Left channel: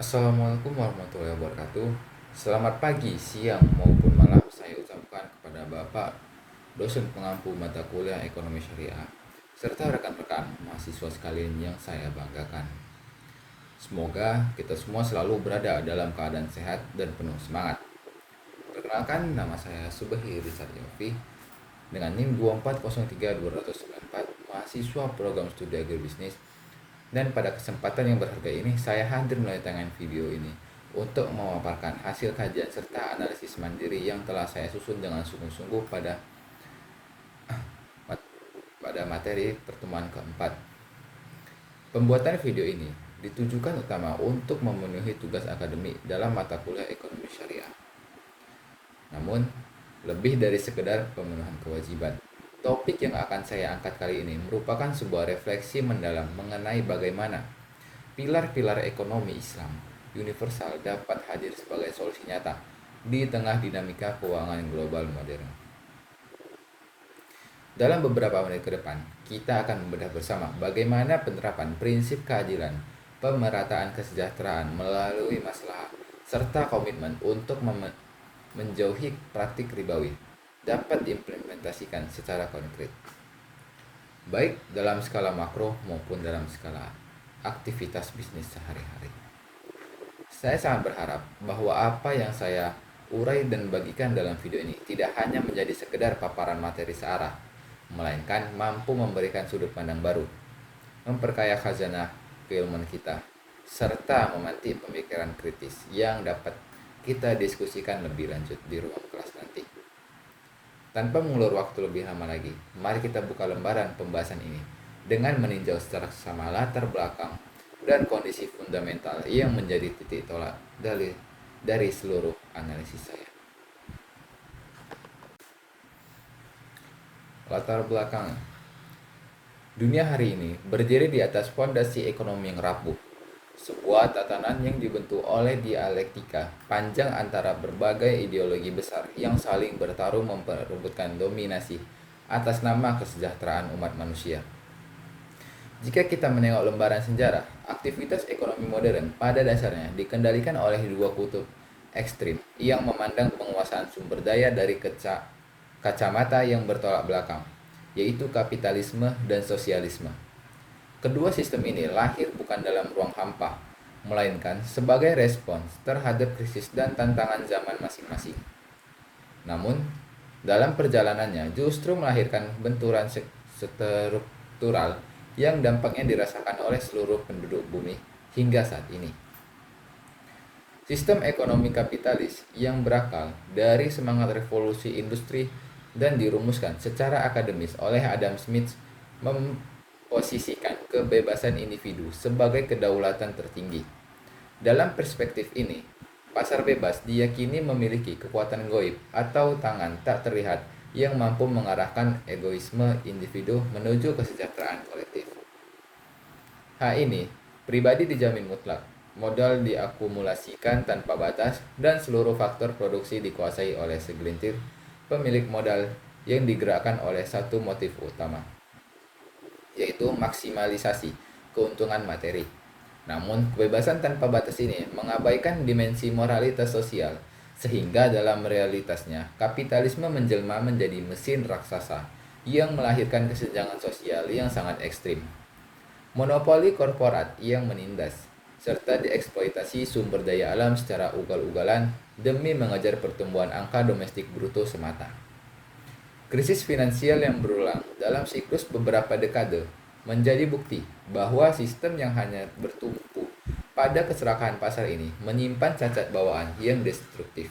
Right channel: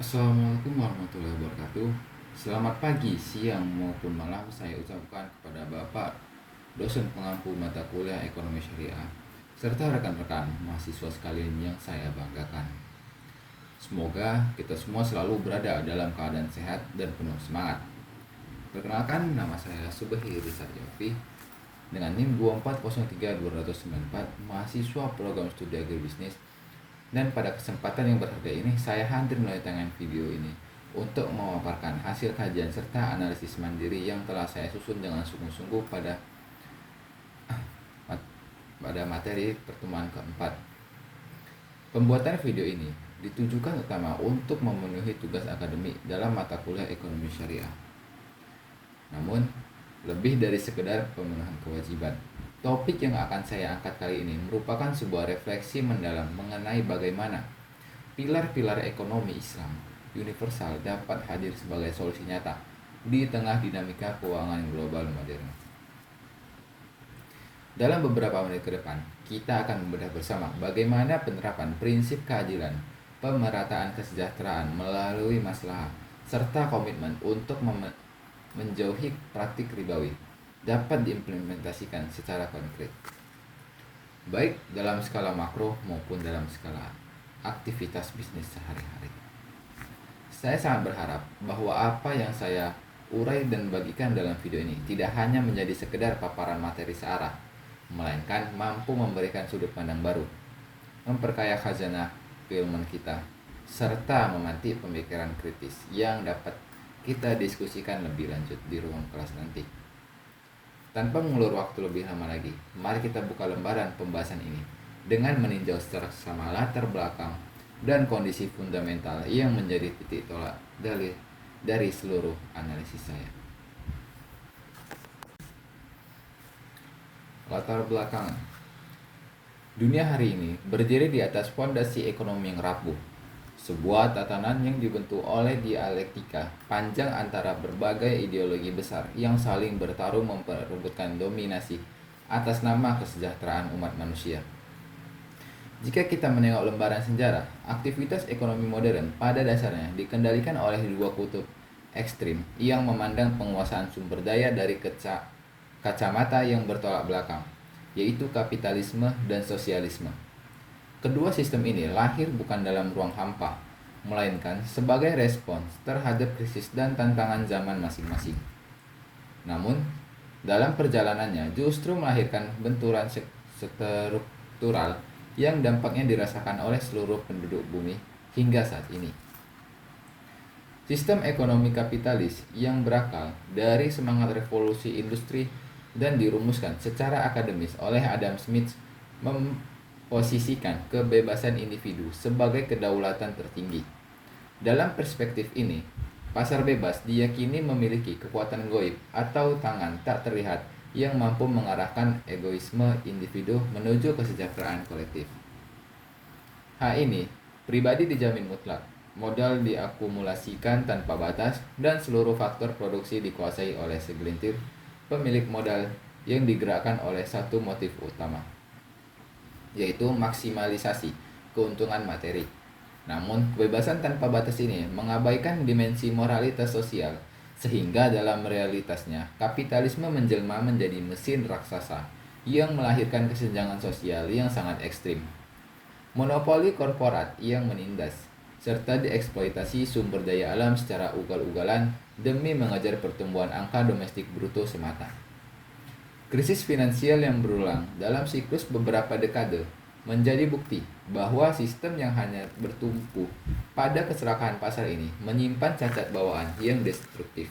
Assalamualaikum warahmatullahi wabarakatuh. Selamat pagi, siang, maupun malam saya ucapkan kepada Bapak dosen pengampu mata kuliah Ekonomi Syariah serta rekan-rekan mahasiswa sekalian yang saya banggakan. Semoga kita semua selalu berada dalam keadaan sehat dan penuh semangat. Perkenalkan, nama saya Subahi Rizal Jafri dengan NIM 2403294, mahasiswa program studi agribisnis. Dan pada kesempatan yang berharga ini, saya hadir melalui video ini untuk memaparkan hasil kajian serta analisis mandiri yang telah saya susun dengan sungguh-sungguh pada materi pertemuan keempat. Pembuatan video ini ditujukan utama untuk memenuhi tugas akademik dalam mata kuliah ekonomi syariah. Namun, lebih dari sekedar pemenuhan kewajiban, topik yang akan saya angkat kali ini merupakan sebuah refleksi mendalam mengenai bagaimana pilar-pilar ekonomi Islam universal dapat hadir sebagai solusi nyata di tengah dinamika keuangan global modern. Dalam beberapa menit ke depan, kita akan membedah bersama bagaimana penerapan prinsip keadilan, pemerataan kesejahteraan melalui maslahat, serta komitmen untuk menjauhi praktik ribawi dapat diimplementasikan secara konkret, baik dalam skala makro maupun dalam skala aktivitas bisnis sehari-hari. Saya sangat berharap bahwa apa yang saya urai dan bagikan dalam video ini tidak hanya menjadi sekedar paparan materi searah, melainkan mampu memberikan sudut pandang baru, memperkaya khazanah keilmuan kita, serta memantik pemikiran kritis yang dapat kita diskusikan lebih lanjut di ruang kelas nanti. Tanpa mengulur waktu lebih lama lagi, mari kita buka lembaran pembahasan ini dengan meninjau secara sama latar belakang dan kondisi fundamental yang menjadi titik tolak dari seluruh analisis saya. Latar belakang. Dunia hari ini berdiri di atas fondasi ekonomi yang rapuh, sebuah tatanan yang dibentuk oleh dialektika panjang antara berbagai ideologi besar yang saling bertarung memperebutkan dominasi atas nama kesejahteraan umat manusia. Jika kita menengok lembaran sejarah, aktivitas ekonomi modern pada dasarnya dikendalikan oleh dua kutub ekstrim yang memandang penguasaan sumber daya dari kacamata yang bertolak belakang, yaitu kapitalisme dan sosialisme. Kedua sistem ini lahir bukan dalam ruang hampa, melainkan sebagai respons terhadap krisis dan tantangan zaman masing-masing. Namun, dalam perjalanannya justru melahirkan benturan struktural yang dampaknya dirasakan oleh seluruh penduduk bumi hingga saat ini. Sistem ekonomi kapitalis yang berakal dari semangat revolusi industri dan dirumuskan secara akademis oleh Adam Smith posisikan kebebasan individu sebagai kedaulatan tertinggi. Dalam perspektif ini, pasar bebas diyakini memiliki kekuatan goib atau tangan tak terlihat yang mampu mengarahkan egoisme individu menuju kesejahteraan kolektif. Hal ini, pribadi dijamin mutlak, modal diakumulasikan tanpa batas, dan seluruh faktor produksi dikuasai oleh segelintir pemilik modal yang digerakkan oleh satu motif utama, yaitu maksimalisasi keuntungan materi. Namun, kebebasan tanpa batas ini mengabaikan dimensi moralitas sosial, sehingga dalam realitasnya kapitalisme menjelma menjadi mesin raksasa yang melahirkan kesenjangan sosial yang sangat ekstrim. Monopoli korporat yang menindas, serta dieksploitasi sumber daya alam secara ugal-ugalan demi mengejar pertumbuhan angka domestik bruto semata. Krisis finansial yang berulang dalam siklus beberapa dekade menjadi bukti bahwa sistem yang hanya bertumpu pada keserakahan pasar ini menyimpan cacat bawaan yang destruktif.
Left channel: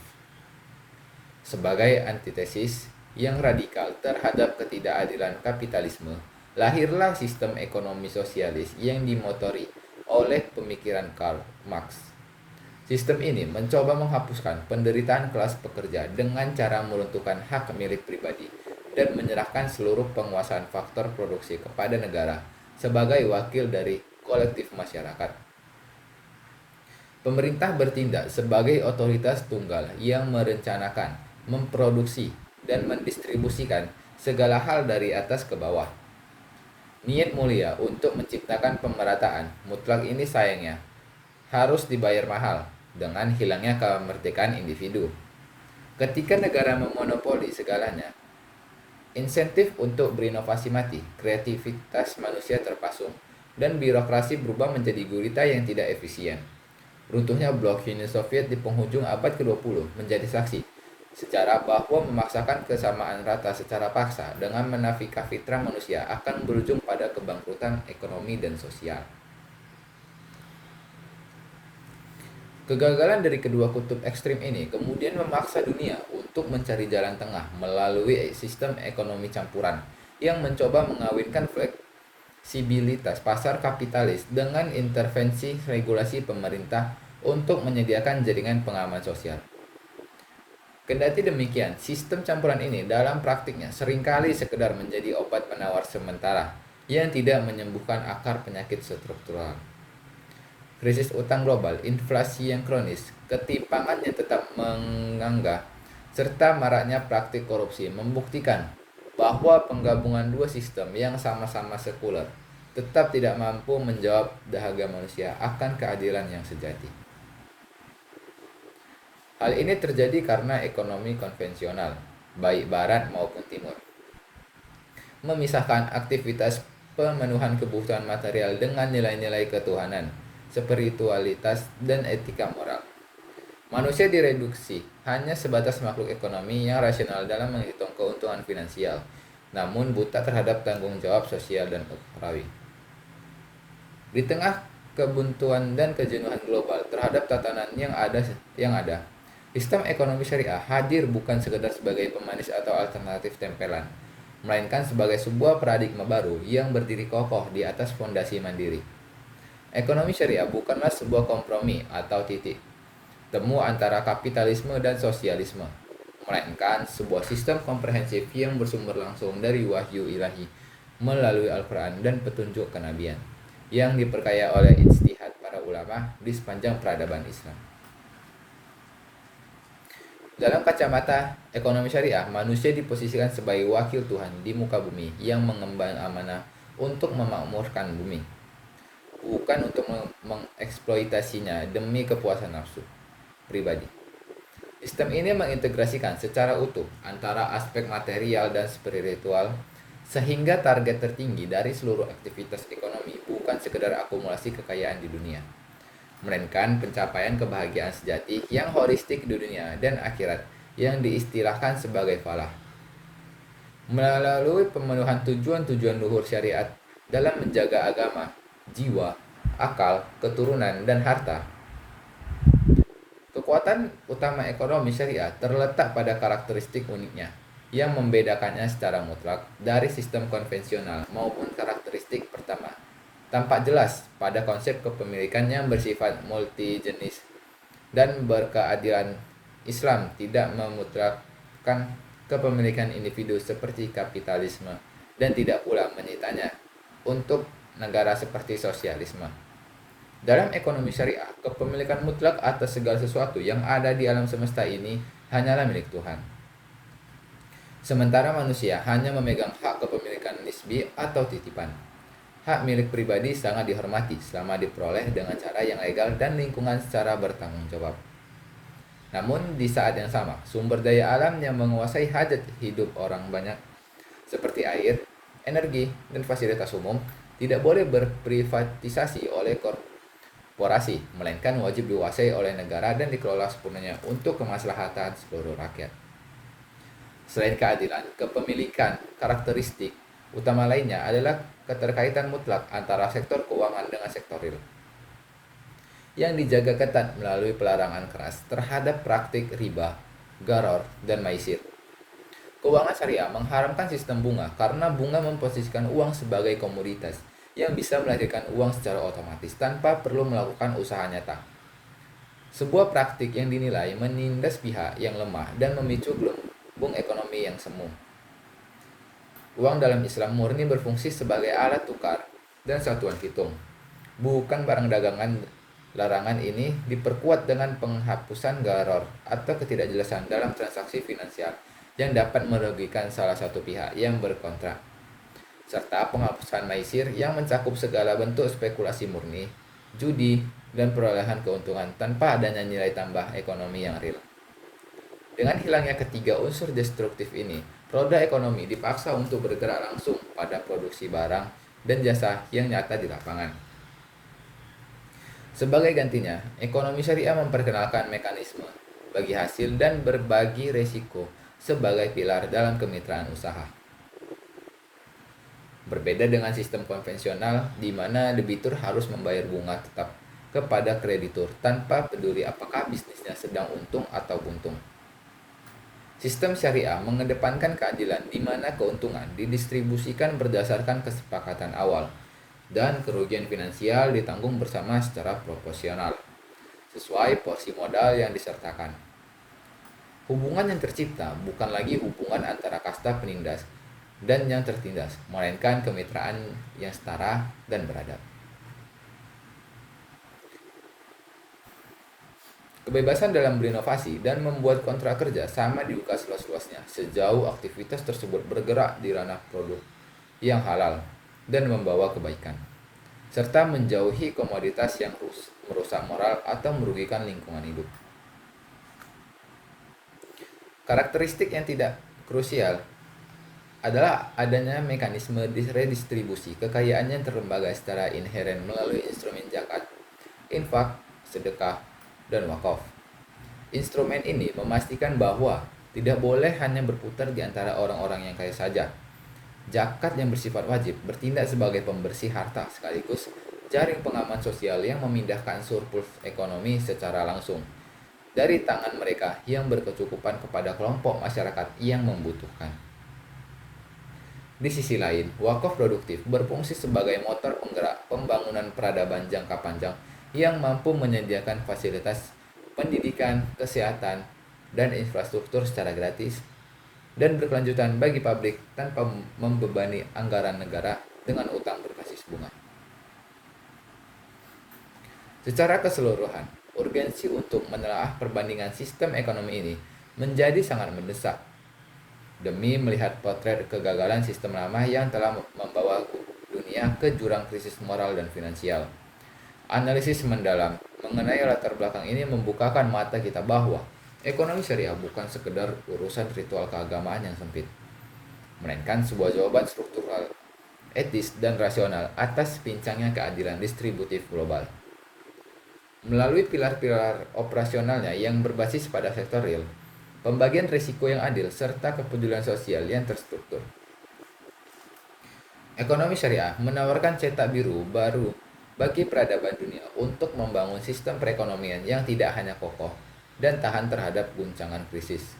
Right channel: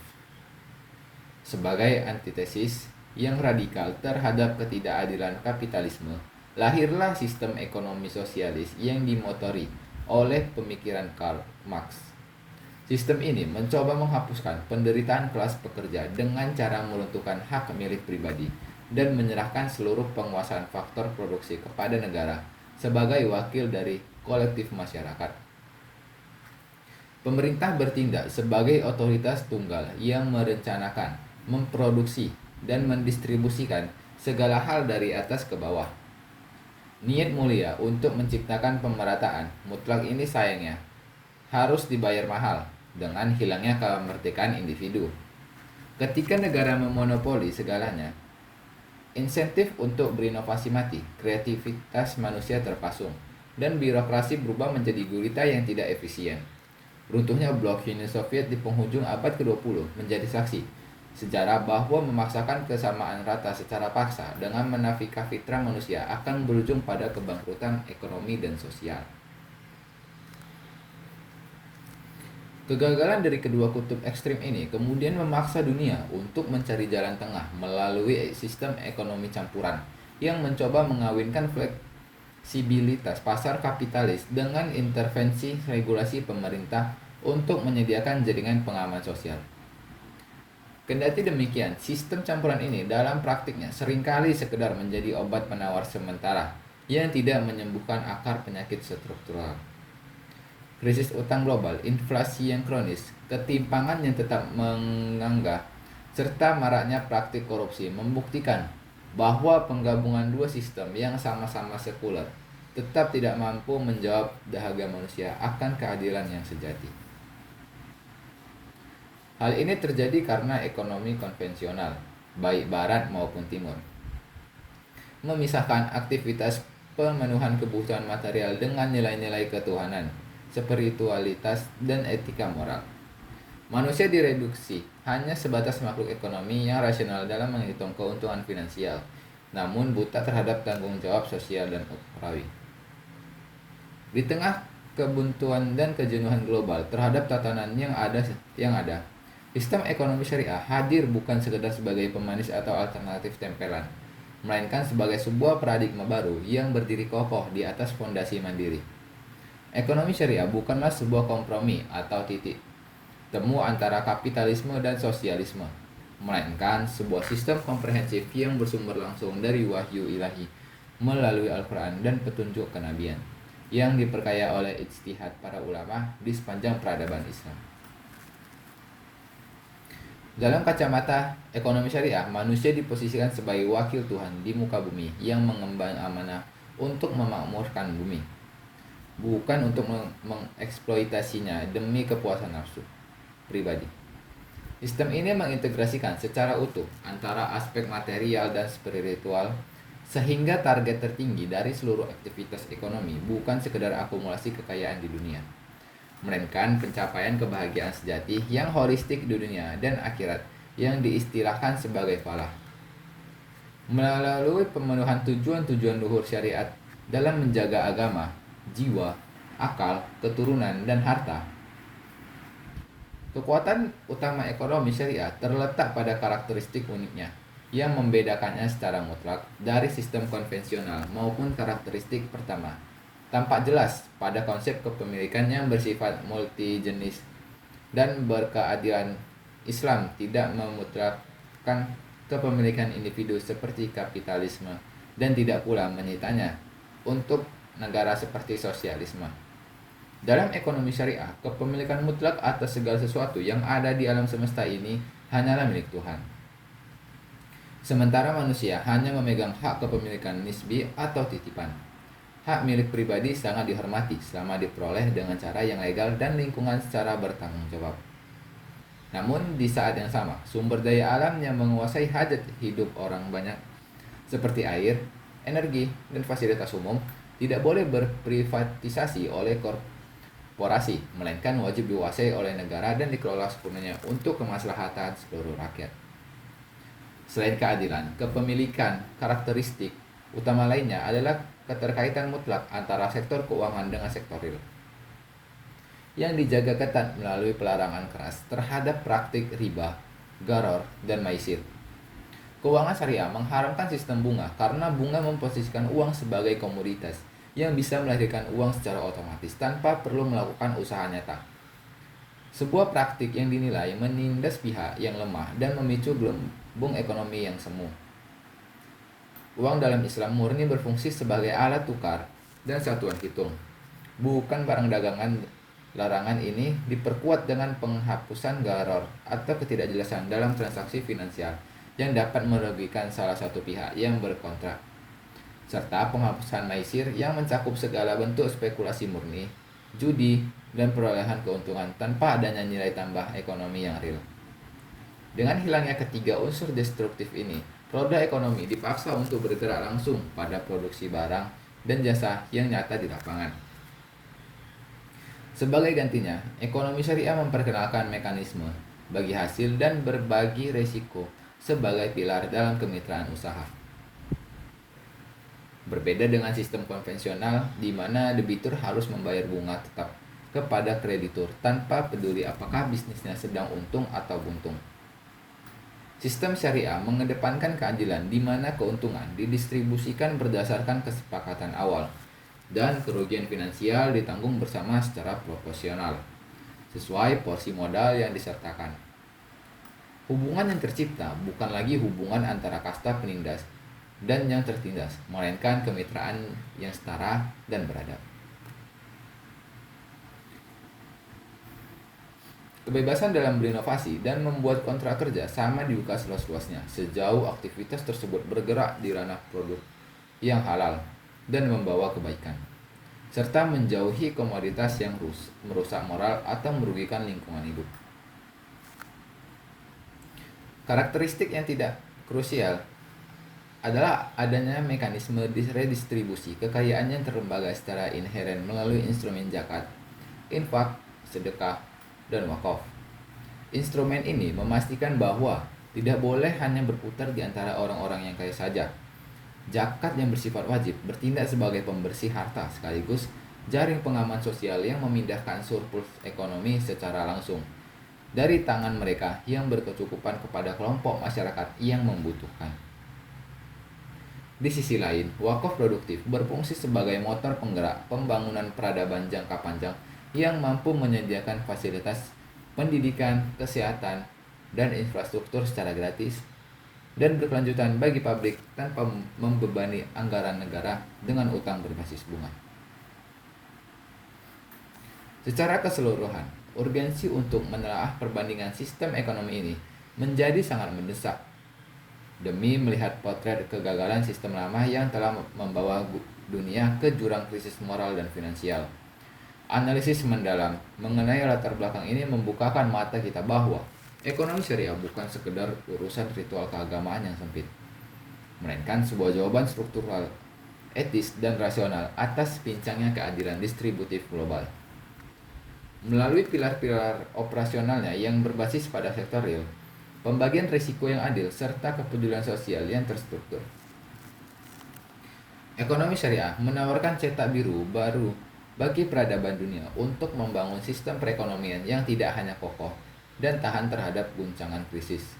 Sebagai antitesis yang radikal terhadap ketidakadilan kapitalisme, lahirlah sistem ekonomi sosialis yang dimotori oleh pemikiran Karl Marx. Sistem ini mencoba menghapuskan penderitaan kelas pekerja dengan cara meruntuhkan hak milik pribadi dan menyerahkan seluruh penguasaan faktor produksi kepada negara sebagai wakil dari kolektif masyarakat. Pemerintah bertindak sebagai otoritas tunggal yang merencanakan, memproduksi, dan mendistribusikan segala hal dari atas ke bawah. Niat mulia untuk menciptakan pemerataan mutlak ini sayangnya harus dibayar mahal dengan hilangnya kemerdekaan individu. Ketika negara memonopoli segalanya, insentif untuk berinovasi mati, kreativitas manusia terpasung, dan birokrasi berubah menjadi gurita yang tidak efisien. Runtuhnya blok Uni Soviet di penghujung abad ke-20 menjadi saksi sejarah bahwa memaksakan kesamaan rata secara paksa dengan menafikan fitrah manusia akan berujung pada kebangkrutan ekonomi dan sosial. Kegagalan dari kedua kutub ekstrim ini kemudian memaksa dunia untuk mencari jalan tengah melalui sistem ekonomi campuran yang mencoba mengawinkan fleksibilitas pasar kapitalis dengan intervensi regulasi pemerintah untuk menyediakan jaringan pengaman sosial. Kendati demikian, sistem campuran ini dalam praktiknya seringkali sekedar menjadi obat penawar sementara yang tidak menyembuhkan akar penyakit struktural. Krisis utang global, inflasi yang kronis, ketimpangan yang tetap menganggah, serta maraknya praktik korupsi membuktikan bahwa penggabungan dua sistem yang sama-sama sekuler tetap tidak mampu menjawab dahaga manusia akan keadilan yang sejati. Hal ini terjadi karena ekonomi konvensional, baik barat maupun timur, memisahkan aktivitas pemenuhan kebutuhan material dengan nilai-nilai ketuhanan, spiritualitas, dan etika moral. Manusia direduksi hanya sebatas makhluk ekonomi yang rasional dalam menghitung keuntungan finansial, namun buta terhadap tanggung jawab sosial dan ukhrawi. Di tengah kebuntuan dan kejenuhan global terhadap tatanan yang ada, sistem ekonomi syariah hadir bukan sekedar sebagai pemanis atau alternatif tempelan, melainkan sebagai sebuah paradigma baru yang berdiri kokoh di atas fondasi mandiri. Ekonomi syariah bukanlah sebuah kompromi atau titik temu antara kapitalisme dan sosialisme, melainkan sebuah sistem komprehensif yang bersumber langsung dari wahyu ilahi melalui Al-Quran dan petunjuk kenabian, yang diperkaya oleh ijtihad para ulama di sepanjang peradaban Islam. Dalam kacamata ekonomi syariah, manusia diposisikan sebagai wakil Tuhan di muka bumi yang mengemban amanah untuk memakmurkan bumi, bukan untuk mengeksploitasinya demi kepuasan nafsu pribadi. Sistem ini mengintegrasikan secara utuh antara aspek material dan spiritual, sehingga target tertinggi dari seluruh aktivitas ekonomi bukan sekedar akumulasi kekayaan di dunia, melainkan pencapaian kebahagiaan sejati yang holistik di dunia dan akhirat yang diistilahkan sebagai falah. Melalui pemenuhan tujuan-tujuan luhur syariat dalam menjaga agama, jiwa, akal, keturunan, dan harta. Kekuatan utama ekonomi syariah terletak pada karakteristik uniknya yang membedakannya secara mutlak dari sistem konvensional maupun karakteristik pertama. Tampak jelas pada konsep kepemilikan yang bersifat multijenis dan berkeadilan. Islam tidak memutrakkan kepemilikan individu seperti kapitalisme dan tidak pula menyitanya untuk negara seperti sosialisme. Dalam ekonomi syariah, kepemilikan mutlak atas segala sesuatu yang ada di alam semesta ini hanyalah milik Tuhan. Sementara manusia hanya memegang hak kepemilikan nisbi atau titipan. Hak milik pribadi sangat dihormati selama diperoleh dengan cara yang legal dan lingkungan secara bertanggung jawab. Namun di saat yang sama, sumber daya alam yang menguasai hajat hidup orang banyak seperti air, energi, dan fasilitas umum tidak boleh berprivatisasi oleh korporasi, melainkan wajib dikuasai oleh negara dan dikelola sepenuhnya untuk kemaslahatan seluruh rakyat. Selain keadilan, kepemilikan karakteristik utama lainnya adalah keterkaitan mutlak antara sektor keuangan dengan sektor real, yang dijaga ketat melalui pelarangan keras terhadap praktik riba, gharar, dan maisir. Keuangan syariah mengharamkan sistem bunga karena bunga memposisikan uang sebagai komoditas yang bisa melahirkan uang secara otomatis tanpa perlu melakukan usaha nyata. Sebuah praktik yang dinilai menindas pihak yang lemah dan memicu gelembung ekonomi yang semu. Uang dalam Islam murni berfungsi sebagai alat tukar dan satuan hitung, bukan barang dagangan. Larangan ini diperkuat dengan penghapusan gharar atau ketidakjelasan dalam transaksi finansial yang dapat merugikan salah satu pihak yang berkontrak, serta penghapusan maisir yang mencakup segala bentuk spekulasi murni, judi, dan perolehan keuntungan tanpa adanya nilai tambah ekonomi yang real. Dengan hilangnya ketiga unsur destruktif ini, roda ekonomi dipaksa untuk bergerak langsung pada produksi barang dan jasa yang nyata di lapangan. Sebagai gantinya, ekonomi syariah memperkenalkan mekanisme bagi hasil dan berbagi risiko sebagai pilar dalam kemitraan usaha. Berbeda dengan sistem konvensional di mana debitur harus membayar bunga tetap kepada kreditur tanpa peduli apakah bisnisnya sedang untung atau buntung. Sistem syariah mengedepankan keadilan di mana keuntungan didistribusikan berdasarkan kesepakatan awal dan kerugian finansial ditanggung bersama secara proporsional sesuai porsi modal yang disertakan. Hubungan yang tercipta bukan lagi hubungan antara kasta penindas dan yang tertindas, melainkan kemitraan yang setara dan beradab. Kebebasan dalam berinovasi dan membuat kontrak kerja sama dibuka seluas-luasnya sejauh aktivitas tersebut bergerak di ranah produk yang halal dan membawa kebaikan, serta menjauhi komoditas yang merusak moral atau merugikan lingkungan hidup. Karakteristik yang tidak krusial adalah adanya mekanisme redistribusi kekayaan yang terlembaga secara inheren melalui instrumen zakat, infak, sedekah, dan wakaf. Instrumen ini memastikan bahwa tidak boleh hanya berputar di antara orang-orang yang kaya saja. Zakat yang bersifat wajib bertindak sebagai pembersih harta sekaligus jaring pengaman sosial yang memindahkan surplus ekonomi secara langsung dari tangan mereka yang berkecukupan kepada kelompok masyarakat yang membutuhkan. Di sisi lain, wakaf produktif berfungsi sebagai motor penggerak pembangunan peradaban jangka panjang yang mampu menyediakan fasilitas pendidikan, kesehatan, dan infrastruktur secara gratis dan berkelanjutan bagi publik tanpa membebani anggaran negara dengan utang berbasis bunga. Secara keseluruhan, urgensi untuk menelaah perbandingan sistem ekonomi ini menjadi sangat mendesak demi melihat potret kegagalan sistem lama yang telah membawa dunia ke jurang krisis moral dan finansial. Analisis mendalam mengenai latar belakang ini membukakan mata kita bahwa ekonomi syariah bukan sekedar urusan ritual keagamaan yang sempit, melainkan sebuah jawaban struktural, etis, dan rasional atas pincangnya keadilan distributif global. Melalui pilar-pilar operasionalnya yang berbasis pada sektor real, pembagian risiko yang adil, serta kepedulian sosial yang terstruktur. Ekonomi syariah menawarkan cetak biru baru bagi peradaban dunia untuk membangun sistem perekonomian yang tidak hanya kokoh dan tahan terhadap guncangan krisis,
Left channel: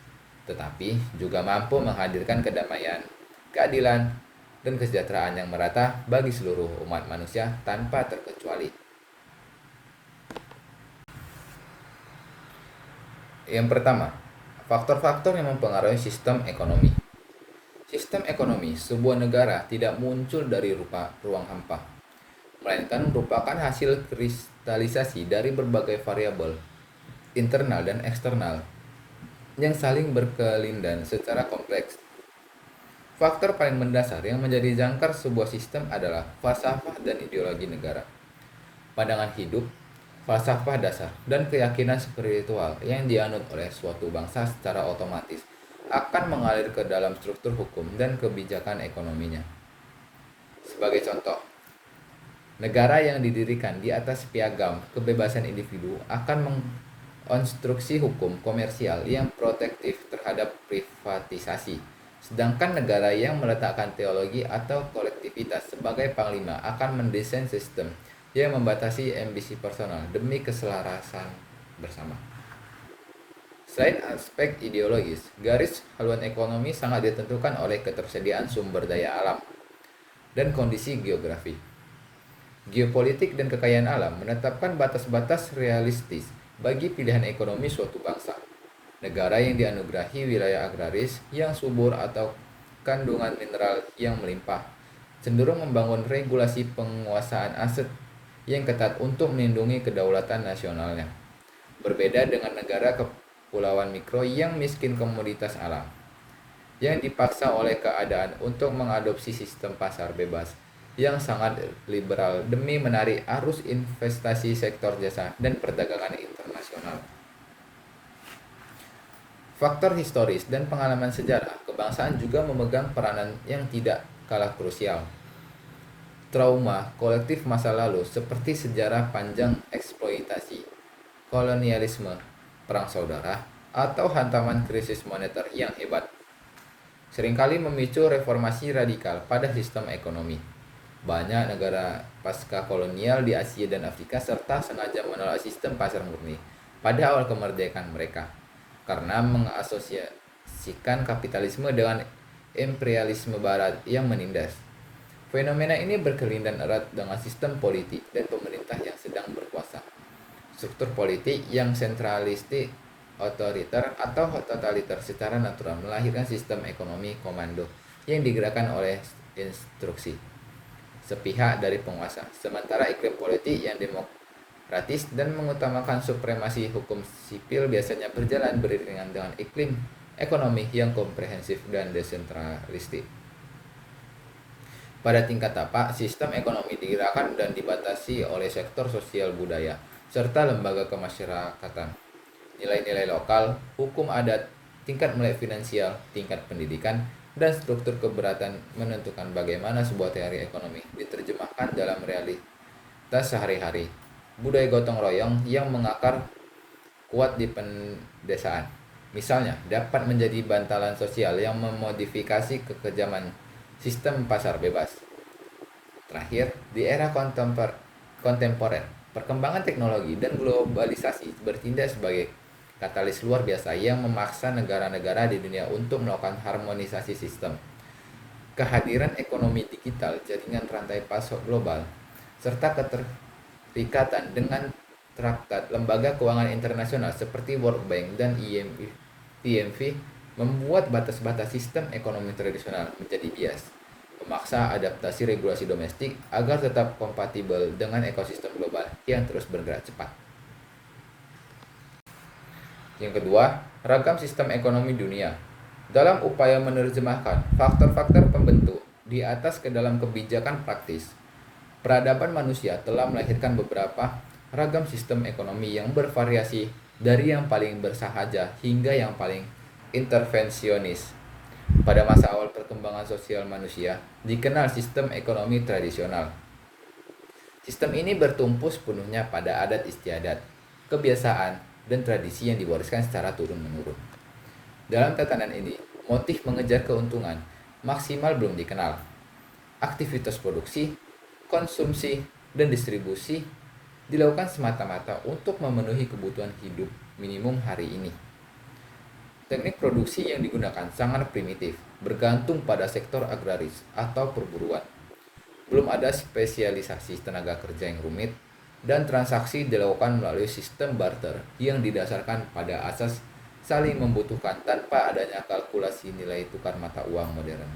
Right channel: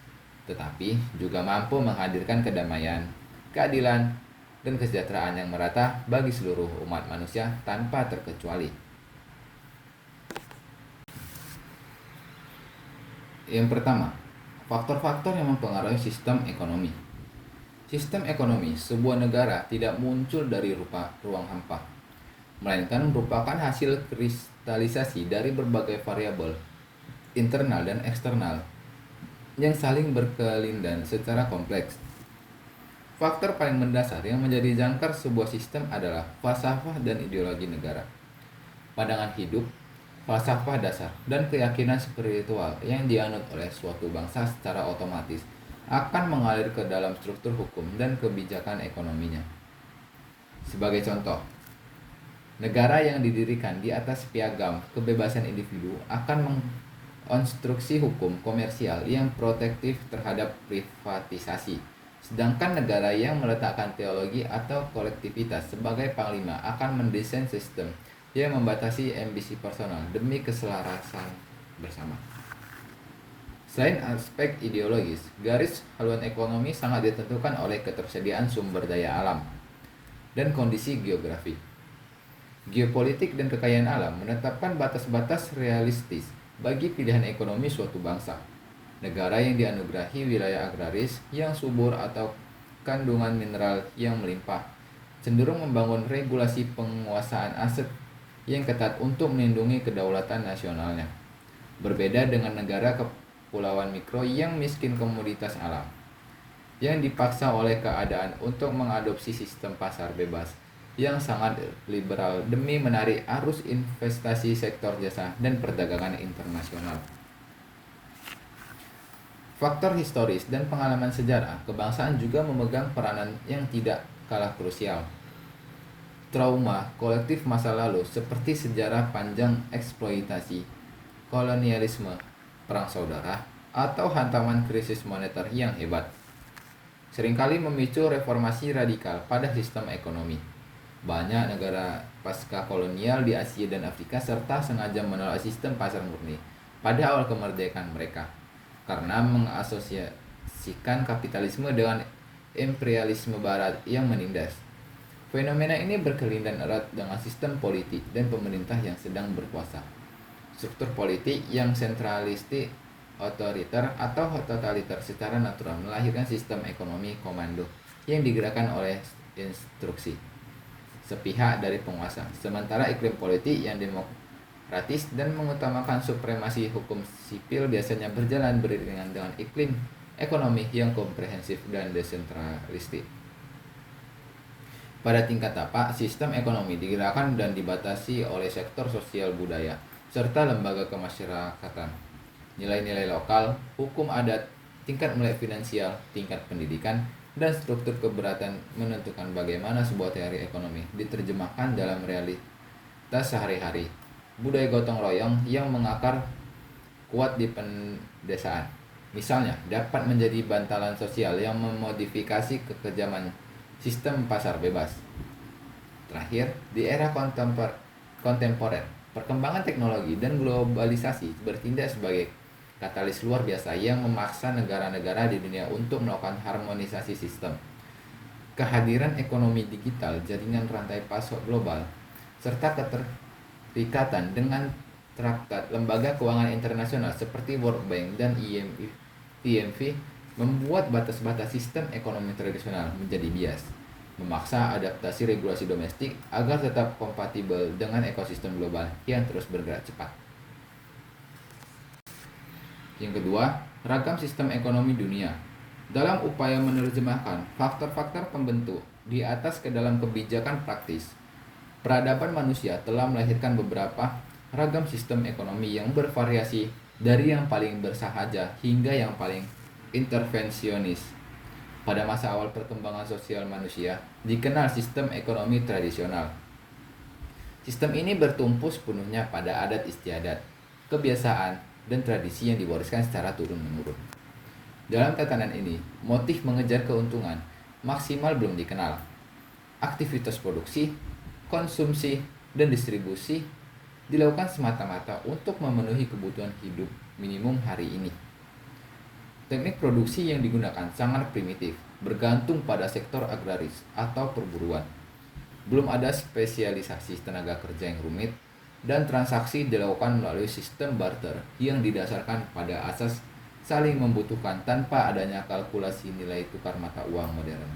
tetapi juga mampu menghadirkan kedamaian, keadilan, dan kesejahteraan yang merata bagi seluruh umat manusia tanpa terkecuali. Yang pertama, faktor-faktor yang mempengaruhi sistem ekonomi. Sistem ekonomi sebuah negara tidak muncul dari ruang hampa, melainkan merupakan hasil kristalisasi dari berbagai variabel internal dan eksternal yang saling berkelindan secara kompleks. Faktor paling mendasar yang menjadi jangkar sebuah sistem adalah falsafah dan ideologi negara. Pandangan hidup, falsafah dasar, dan keyakinan spiritual yang dianut oleh suatu bangsa secara otomatis akan mengalir ke dalam struktur hukum dan kebijakan ekonominya. Sebagai contoh, negara yang didirikan di atas piagam kebebasan individu akan mengonstruksi hukum komersial yang protektif terhadap privatisasi. Sedangkan negara yang meletakkan teologi atau kolektivitas sebagai panglima akan mendesain sistem yang membatasi ambisi personal demi keselarasan bersama. Selain aspek ideologis, garis haluan ekonomi sangat ditentukan oleh ketersediaan sumber daya alam dan kondisi geografi. Geopolitik dan kekayaan alam menetapkan batas-batas realistis bagi pilihan ekonomi suatu bangsa. Negara yang dianugerahi wilayah agraris yang subur atau kandungan mineral yang melimpah cenderung membangun regulasi penguasaan aset yang ketat untuk melindungi kedaulatan nasionalnya. Berbeda dengan negara kepulauan mikro yang miskin komoditas alam, yang dipaksa oleh keadaan untuk mengadopsi sistem pasar bebas yang sangat liberal demi menarik arus investasi sektor jasa dan perdagangan internasional. Faktor historis dan pengalaman sejarah kebangsaan juga memegang peranan yang tidak kalah krusial. Trauma kolektif masa lalu seperti sejarah panjang eksploitasi, kolonialisme, perang saudara, atau hantaman krisis moneter yang hebat seringkali memicu reformasi radikal pada sistem ekonomi. Banyak negara pasca kolonial di Asia dan Afrika serta sengaja menolak sistem pasar murni pada awal kemerdekaan mereka karena mengasosiasikan kapitalisme dengan imperialisme barat yang menindas. Fenomena ini berkelindan erat dengan sistem politik dan pemerintah yang sedang berkuasa. Struktur politik yang sentralistik, otoriter atau totaliter secara natural melahirkan sistem ekonomi komando yang digerakkan oleh instruksi sepihak dari penguasa. Sementara iklim politik yang demokratis dan mengutamakan supremasi hukum sipil biasanya berjalan beriringan dengan iklim ekonomi yang komprehensif dan desentralistik. Pada tingkat tapak, sistem ekonomi digerakkan dan dibatasi oleh sektor sosial budaya serta lembaga kemasyarakatan. Nilai-nilai lokal, hukum adat, tingkat melek finansial, tingkat pendidikan, dan struktur keberatan menentukan bagaimana sebuah teori ekonomi diterjemahkan dalam realitas sehari-hari. Budaya gotong royong yang mengakar kuat di pedesaan, misalnya, dapat menjadi bantalan sosial yang memodifikasi kekejaman sistem pasar bebas. Terakhir, di era kontemporer, perkembangan teknologi dan globalisasi bertindak sebagai katalis luar biasa yang memaksa negara-negara di dunia untuk melakukan harmonisasi sistem. Kehadiran ekonomi digital, jaringan rantai pasok global, serta keterikatan dengan traktat lembaga keuangan internasional seperti World Bank dan IMF membuat batas-batas sistem ekonomi tradisional menjadi bias, memaksa adaptasi regulasi domestik agar tetap kompatibel dengan ekosistem global yang terus bergerak cepat. Yang kedua, ragam sistem ekonomi dunia. Dalam upaya menerjemahkan faktor-faktor pembentuk di atas ke dalam kebijakan praktis, peradaban manusia telah melahirkan beberapa ragam sistem ekonomi yang bervariasi dari yang paling bersahaja hingga yang paling intervensionis. Pada masa awal perkembangan sosial manusia, dikenal sistem ekonomi tradisional. Sistem ini bertumpu sepenuhnya pada adat istiadat, kebiasaan, dan tradisi yang diwariskan secara turun-menurun. Dalam tatanan ini, motif mengejar keuntungan maksimal belum dikenal. Aktivitas produksi, konsumsi, dan distribusi dilakukan semata-mata untuk memenuhi kebutuhan hidup minimum hari ini. Teknik produksi yang digunakan sangat primitif, bergantung pada sektor agraris atau perburuan. Belum ada spesialisasi tenaga kerja yang rumit, dan transaksi dilakukan melalui sistem barter yang didasarkan pada asas saling membutuhkan tanpa adanya kalkulasi nilai tukar mata uang modern.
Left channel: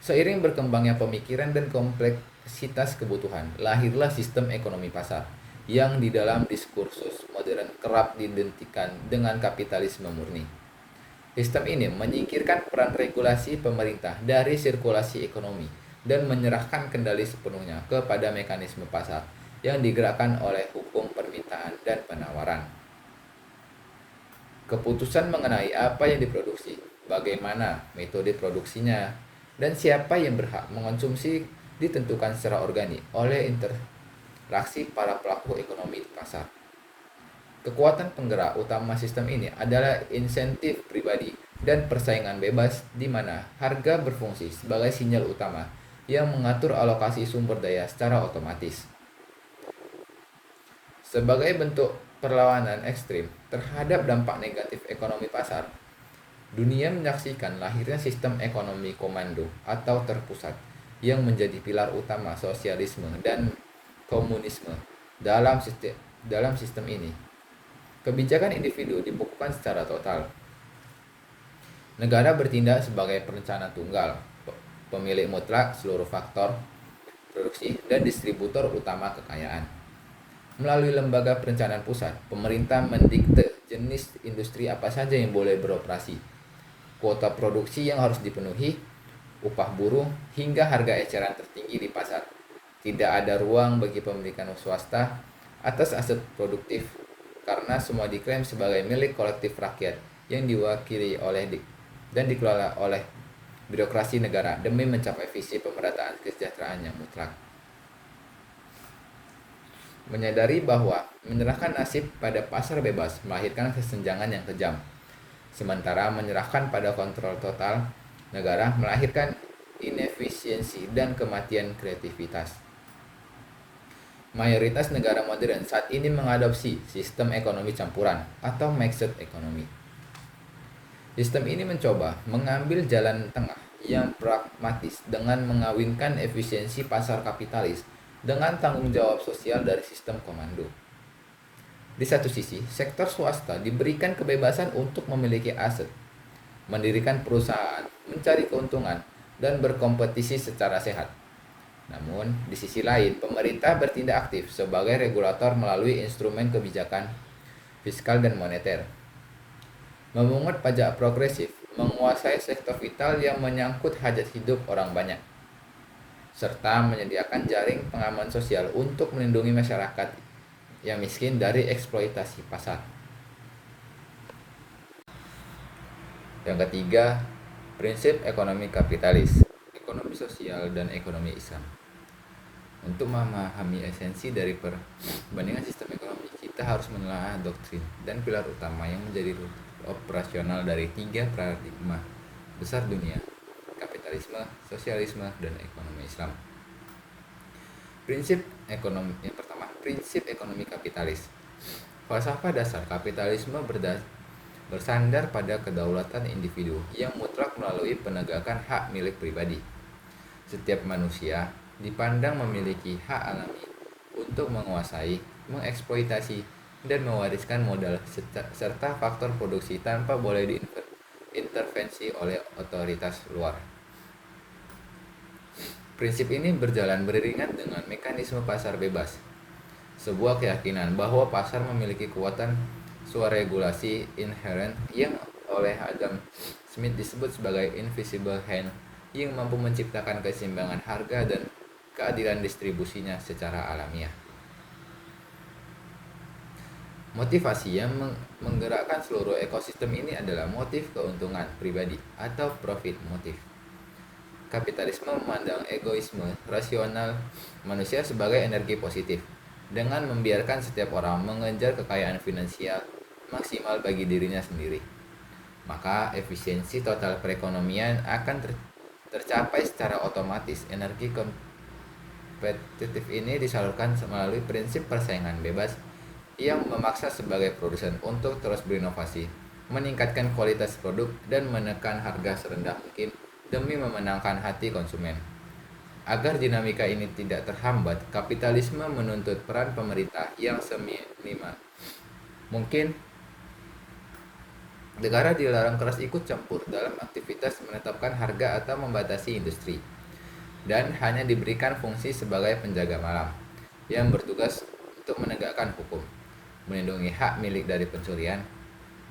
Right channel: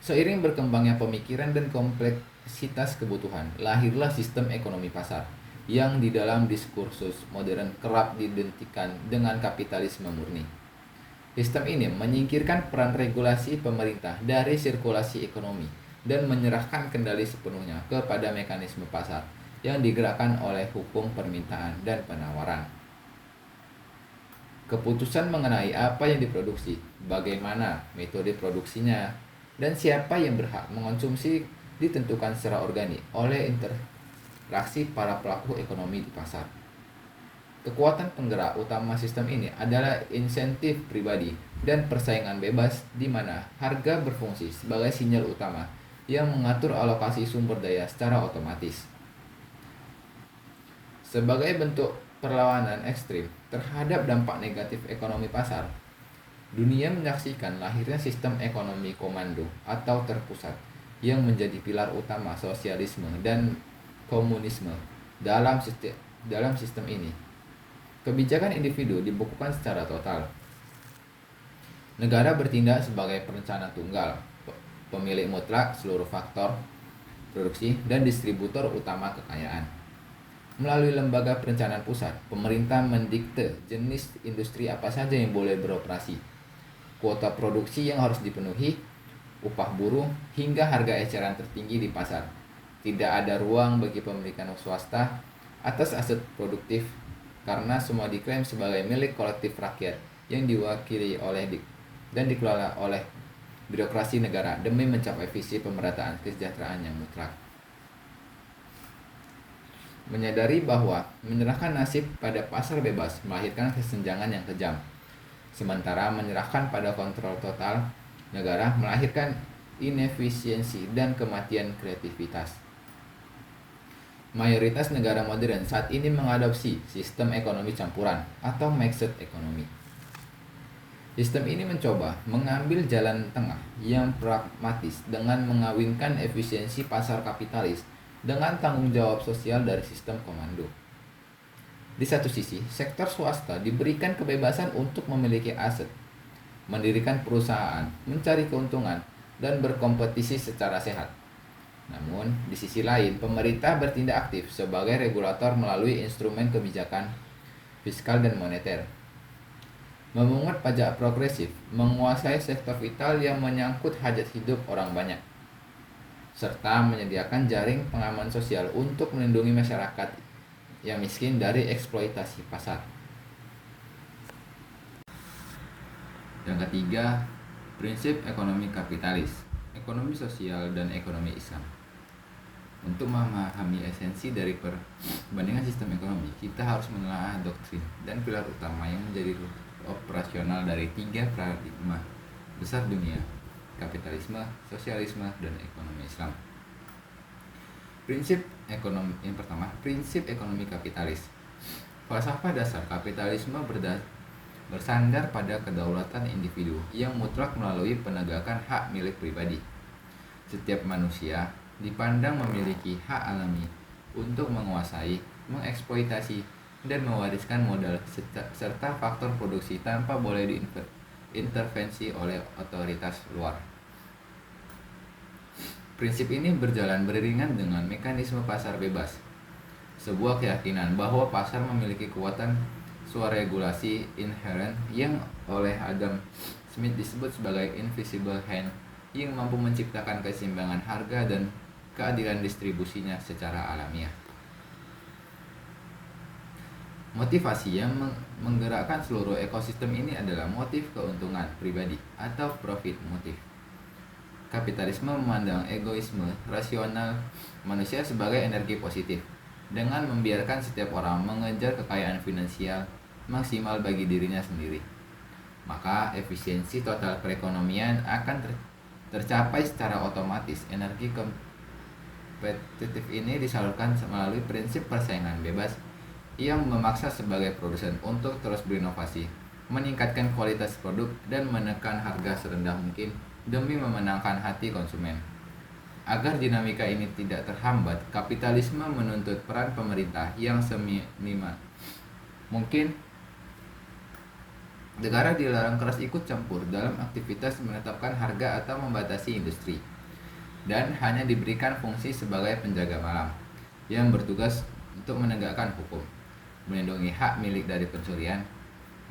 Seiring berkembangnya pemikiran dan kompleksitas kebutuhan, lahirlah sistem ekonomi pasar yang di dalam diskursus modern kerap diidentikan dengan kapitalisme murni. Sistem ini menyingkirkan peran regulasi pemerintah dari sirkulasi ekonomi dan menyerahkan kendali sepenuhnya kepada mekanisme pasar yang digerakkan oleh hukum permintaan dan penawaran. Keputusan mengenai apa yang diproduksi, bagaimana metode produksinya, dan siapa yang berhak mengonsumsi ditentukan secara organik oleh interaksi para pelaku ekonomi di pasar. Kekuatan penggerak utama sistem ini adalah insentif pribadi dan persaingan bebas di mana harga berfungsi sebagai sinyal utama yang mengatur alokasi sumber daya secara otomatis. Sebagai bentuk perlawanan ekstrim terhadap dampak negatif ekonomi pasar, dunia menyaksikan lahirnya sistem ekonomi komando atau terpusat yang menjadi pilar utama sosialisme dan komunisme dalam sistem ini. Kebijakan individu dibukukan secara total. Negara bertindak sebagai perencana tunggal, pemilik mutlak seluruh faktor produksi dan distributor utama kekayaan. Melalui lembaga perencanaan pusat, pemerintah mendikte jenis industri apa saja yang boleh beroperasi, kuota produksi yang harus dipenuhi, upah buruh, hingga harga eceran tertinggi di pasar. Tidak ada ruang bagi pemilikan swasta atas aset produktif karena semua diklaim sebagai milik kolektif rakyat yang diwakili oleh dan dikelola oleh birokrasi negara demi mencapai visi pemerataan kesejahteraan yang mutlak. Menyadari bahwa menyerahkan nasib pada pasar bebas melahirkan kesenjangan yang kejam, sementara menyerahkan pada kontrol total negara melahirkan inefisiensi dan kematian kreativitas. Mayoritas negara modern saat ini mengadopsi sistem ekonomi campuran atau mixed economy. Sistem ini mencoba mengambil jalan tengah yang pragmatis dengan mengawinkan efisiensi pasar kapitalis dengan tanggung jawab sosial dari sistem komando. Di satu sisi, sektor swasta diberikan kebebasan untuk memiliki aset, mendirikan perusahaan, mencari keuntungan, dan berkompetisi secara sehat. Namun, di sisi lain, pemerintah bertindak aktif sebagai regulator melalui instrumen kebijakan fiskal dan moneter, memungut pajak progresif, menguasai sektor vital yang menyangkut hajat hidup orang banyak, serta menyediakan jaring pengaman sosial untuk melindungi masyarakat yang miskin dari eksploitasi pasar. Yang ketiga, prinsip ekonomi kapitalis, ekonomi sosial, dan ekonomi Islam. Untuk memahami esensi dari perbandingan sistem ekonomi, kita harus menelaah doktrin dan pilar utama yang menjadi operasional dari tiga paradigma besar dunia: kapitalisme, sosialisme, dan ekonomi Islam. Prinsip ekonomi yang pertama, prinsip ekonomi kapitalis. Falsafah dasar kapitalisme bersandar pada kedaulatan individu yang mutlak melalui penegakan hak milik pribadi. Setiap manusia dipandang memiliki hak alami untuk menguasai, mengeksploitasi, dan mewariskan modal serta faktor produksi tanpa boleh diintervensi oleh otoritas luar. Prinsip ini berjalan beriringan dengan mekanisme pasar bebas, sebuah keyakinan bahwa pasar memiliki kekuatan swaregulasi inherent yang oleh Adam Smith disebut sebagai invisible hand yang mampu menciptakan keseimbangan harga dan keadilan distribusinya secara alamiah. Motivasi yang menggerakkan seluruh ekosistem ini adalah motif keuntungan pribadi atau profit motif. Kapitalisme memandang egoisme rasional manusia sebagai energi positif dengan membiarkan setiap orang mengejar kekayaan finansial maksimal bagi dirinya sendiri. Maka efisiensi total perekonomian akan tercapai secara otomatis. Energi kompetitif ini disalurkan melalui prinsip persaingan bebas yang memaksa sebagai produsen untuk terus berinovasi, meningkatkan kualitas produk, dan menekan harga serendah mungkin demi memenangkan hati konsumen. Agar dinamika ini tidak terhambat, kapitalisme menuntut peran pemerintah yang seminimal mungkin. Negara dilarang keras ikut campur dalam aktivitas menetapkan harga atau membatasi industri, dan hanya diberikan fungsi sebagai penjaga malam yang bertugas untuk menegakkan hukum, melindungi hak milik dari pencurian,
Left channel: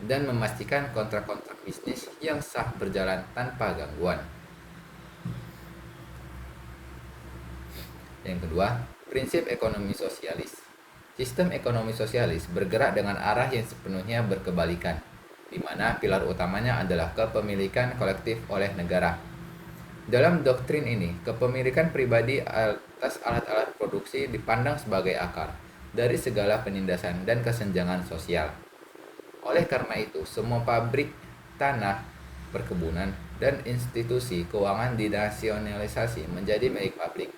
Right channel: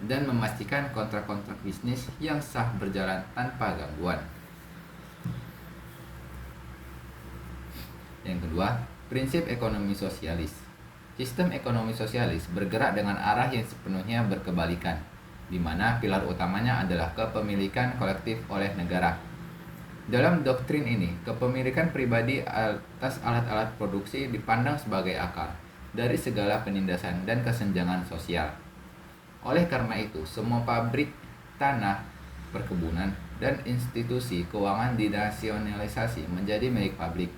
dan memastikan kontrak-kontrak bisnis yang sah berjalan tanpa gangguan. Yang kedua, prinsip ekonomi sosialis. Sistem ekonomi sosialis bergerak dengan arah yang sepenuhnya berkebalikan, di mana pilar utamanya adalah kepemilikan kolektif oleh negara. Dalam doktrin ini, kepemilikan pribadi atas alat-alat produksi dipandang sebagai akar dari segala penindasan dan kesenjangan sosial. Oleh karena itu, semua pabrik, tanah, perkebunan, dan institusi keuangan dinasionalisasi menjadi milik publik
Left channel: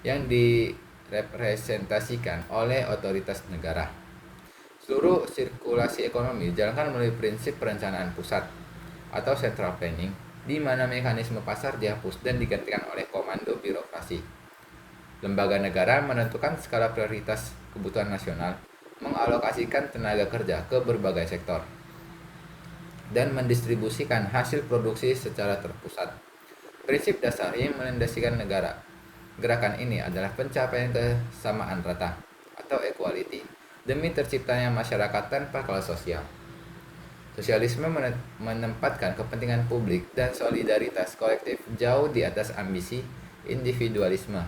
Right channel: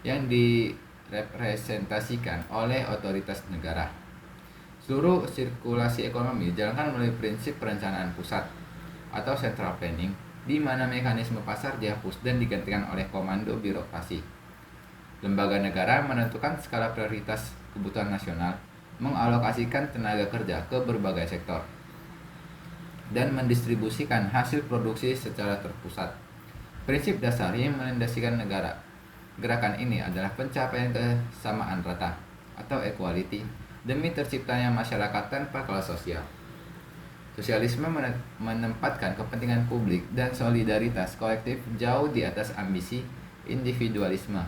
yang direpresentasikan oleh otoritas negara. Seluruh sirkulasi ekonomi dijalankan melalui prinsip perencanaan pusat atau central planning, di mana mekanisme pasar dihapus dan digantikan oleh komando birokrasi. Lembaga negara menentukan skala prioritas kebutuhan nasional, mengalokasikan tenaga kerja ke berbagai sektor, dan mendistribusikan hasil produksi secara terpusat. Prinsip dasar yang melandasikan gerakan ini adalah pencapaian kesamaan rata atau equality demi terciptanya masyarakat tanpa kelas sosial. Sosialisme menempatkan kepentingan publik dan solidaritas kolektif jauh di atas ambisi individualisme.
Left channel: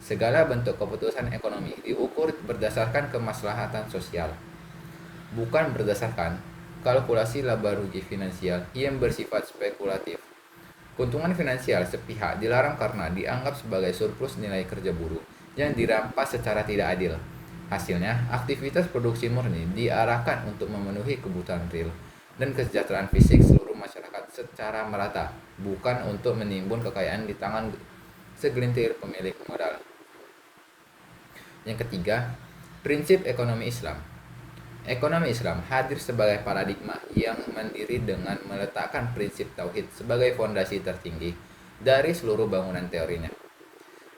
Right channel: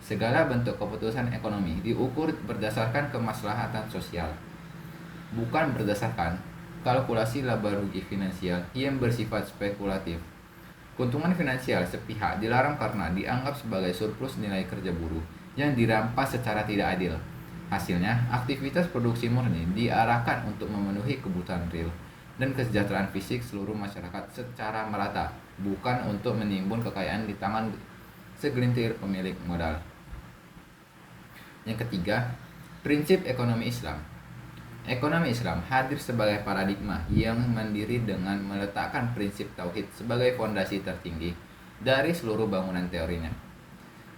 Segala bentuk keputusan ekonomi diukur berdasarkan kemaslahatan sosial, bukan berdasarkan kalkulasi laba rugi finansial yang bersifat spekulatif. Keuntungan finansial sepihak dilarang karena dianggap sebagai surplus nilai kerja buruh yang dirampas secara tidak adil. Hasilnya, aktivitas produksi murni diarahkan untuk memenuhi kebutuhan real dan kesejahteraan fisik seluruh masyarakat secara merata, bukan untuk menimbun kekayaan di tangan segelintir pemilik modal. Yang ketiga, prinsip ekonomi Islam. Ekonomi Islam hadir sebagai paradigma yang mandiri dengan meletakkan prinsip tauhid sebagai fondasi tertinggi dari seluruh bangunan teorinya.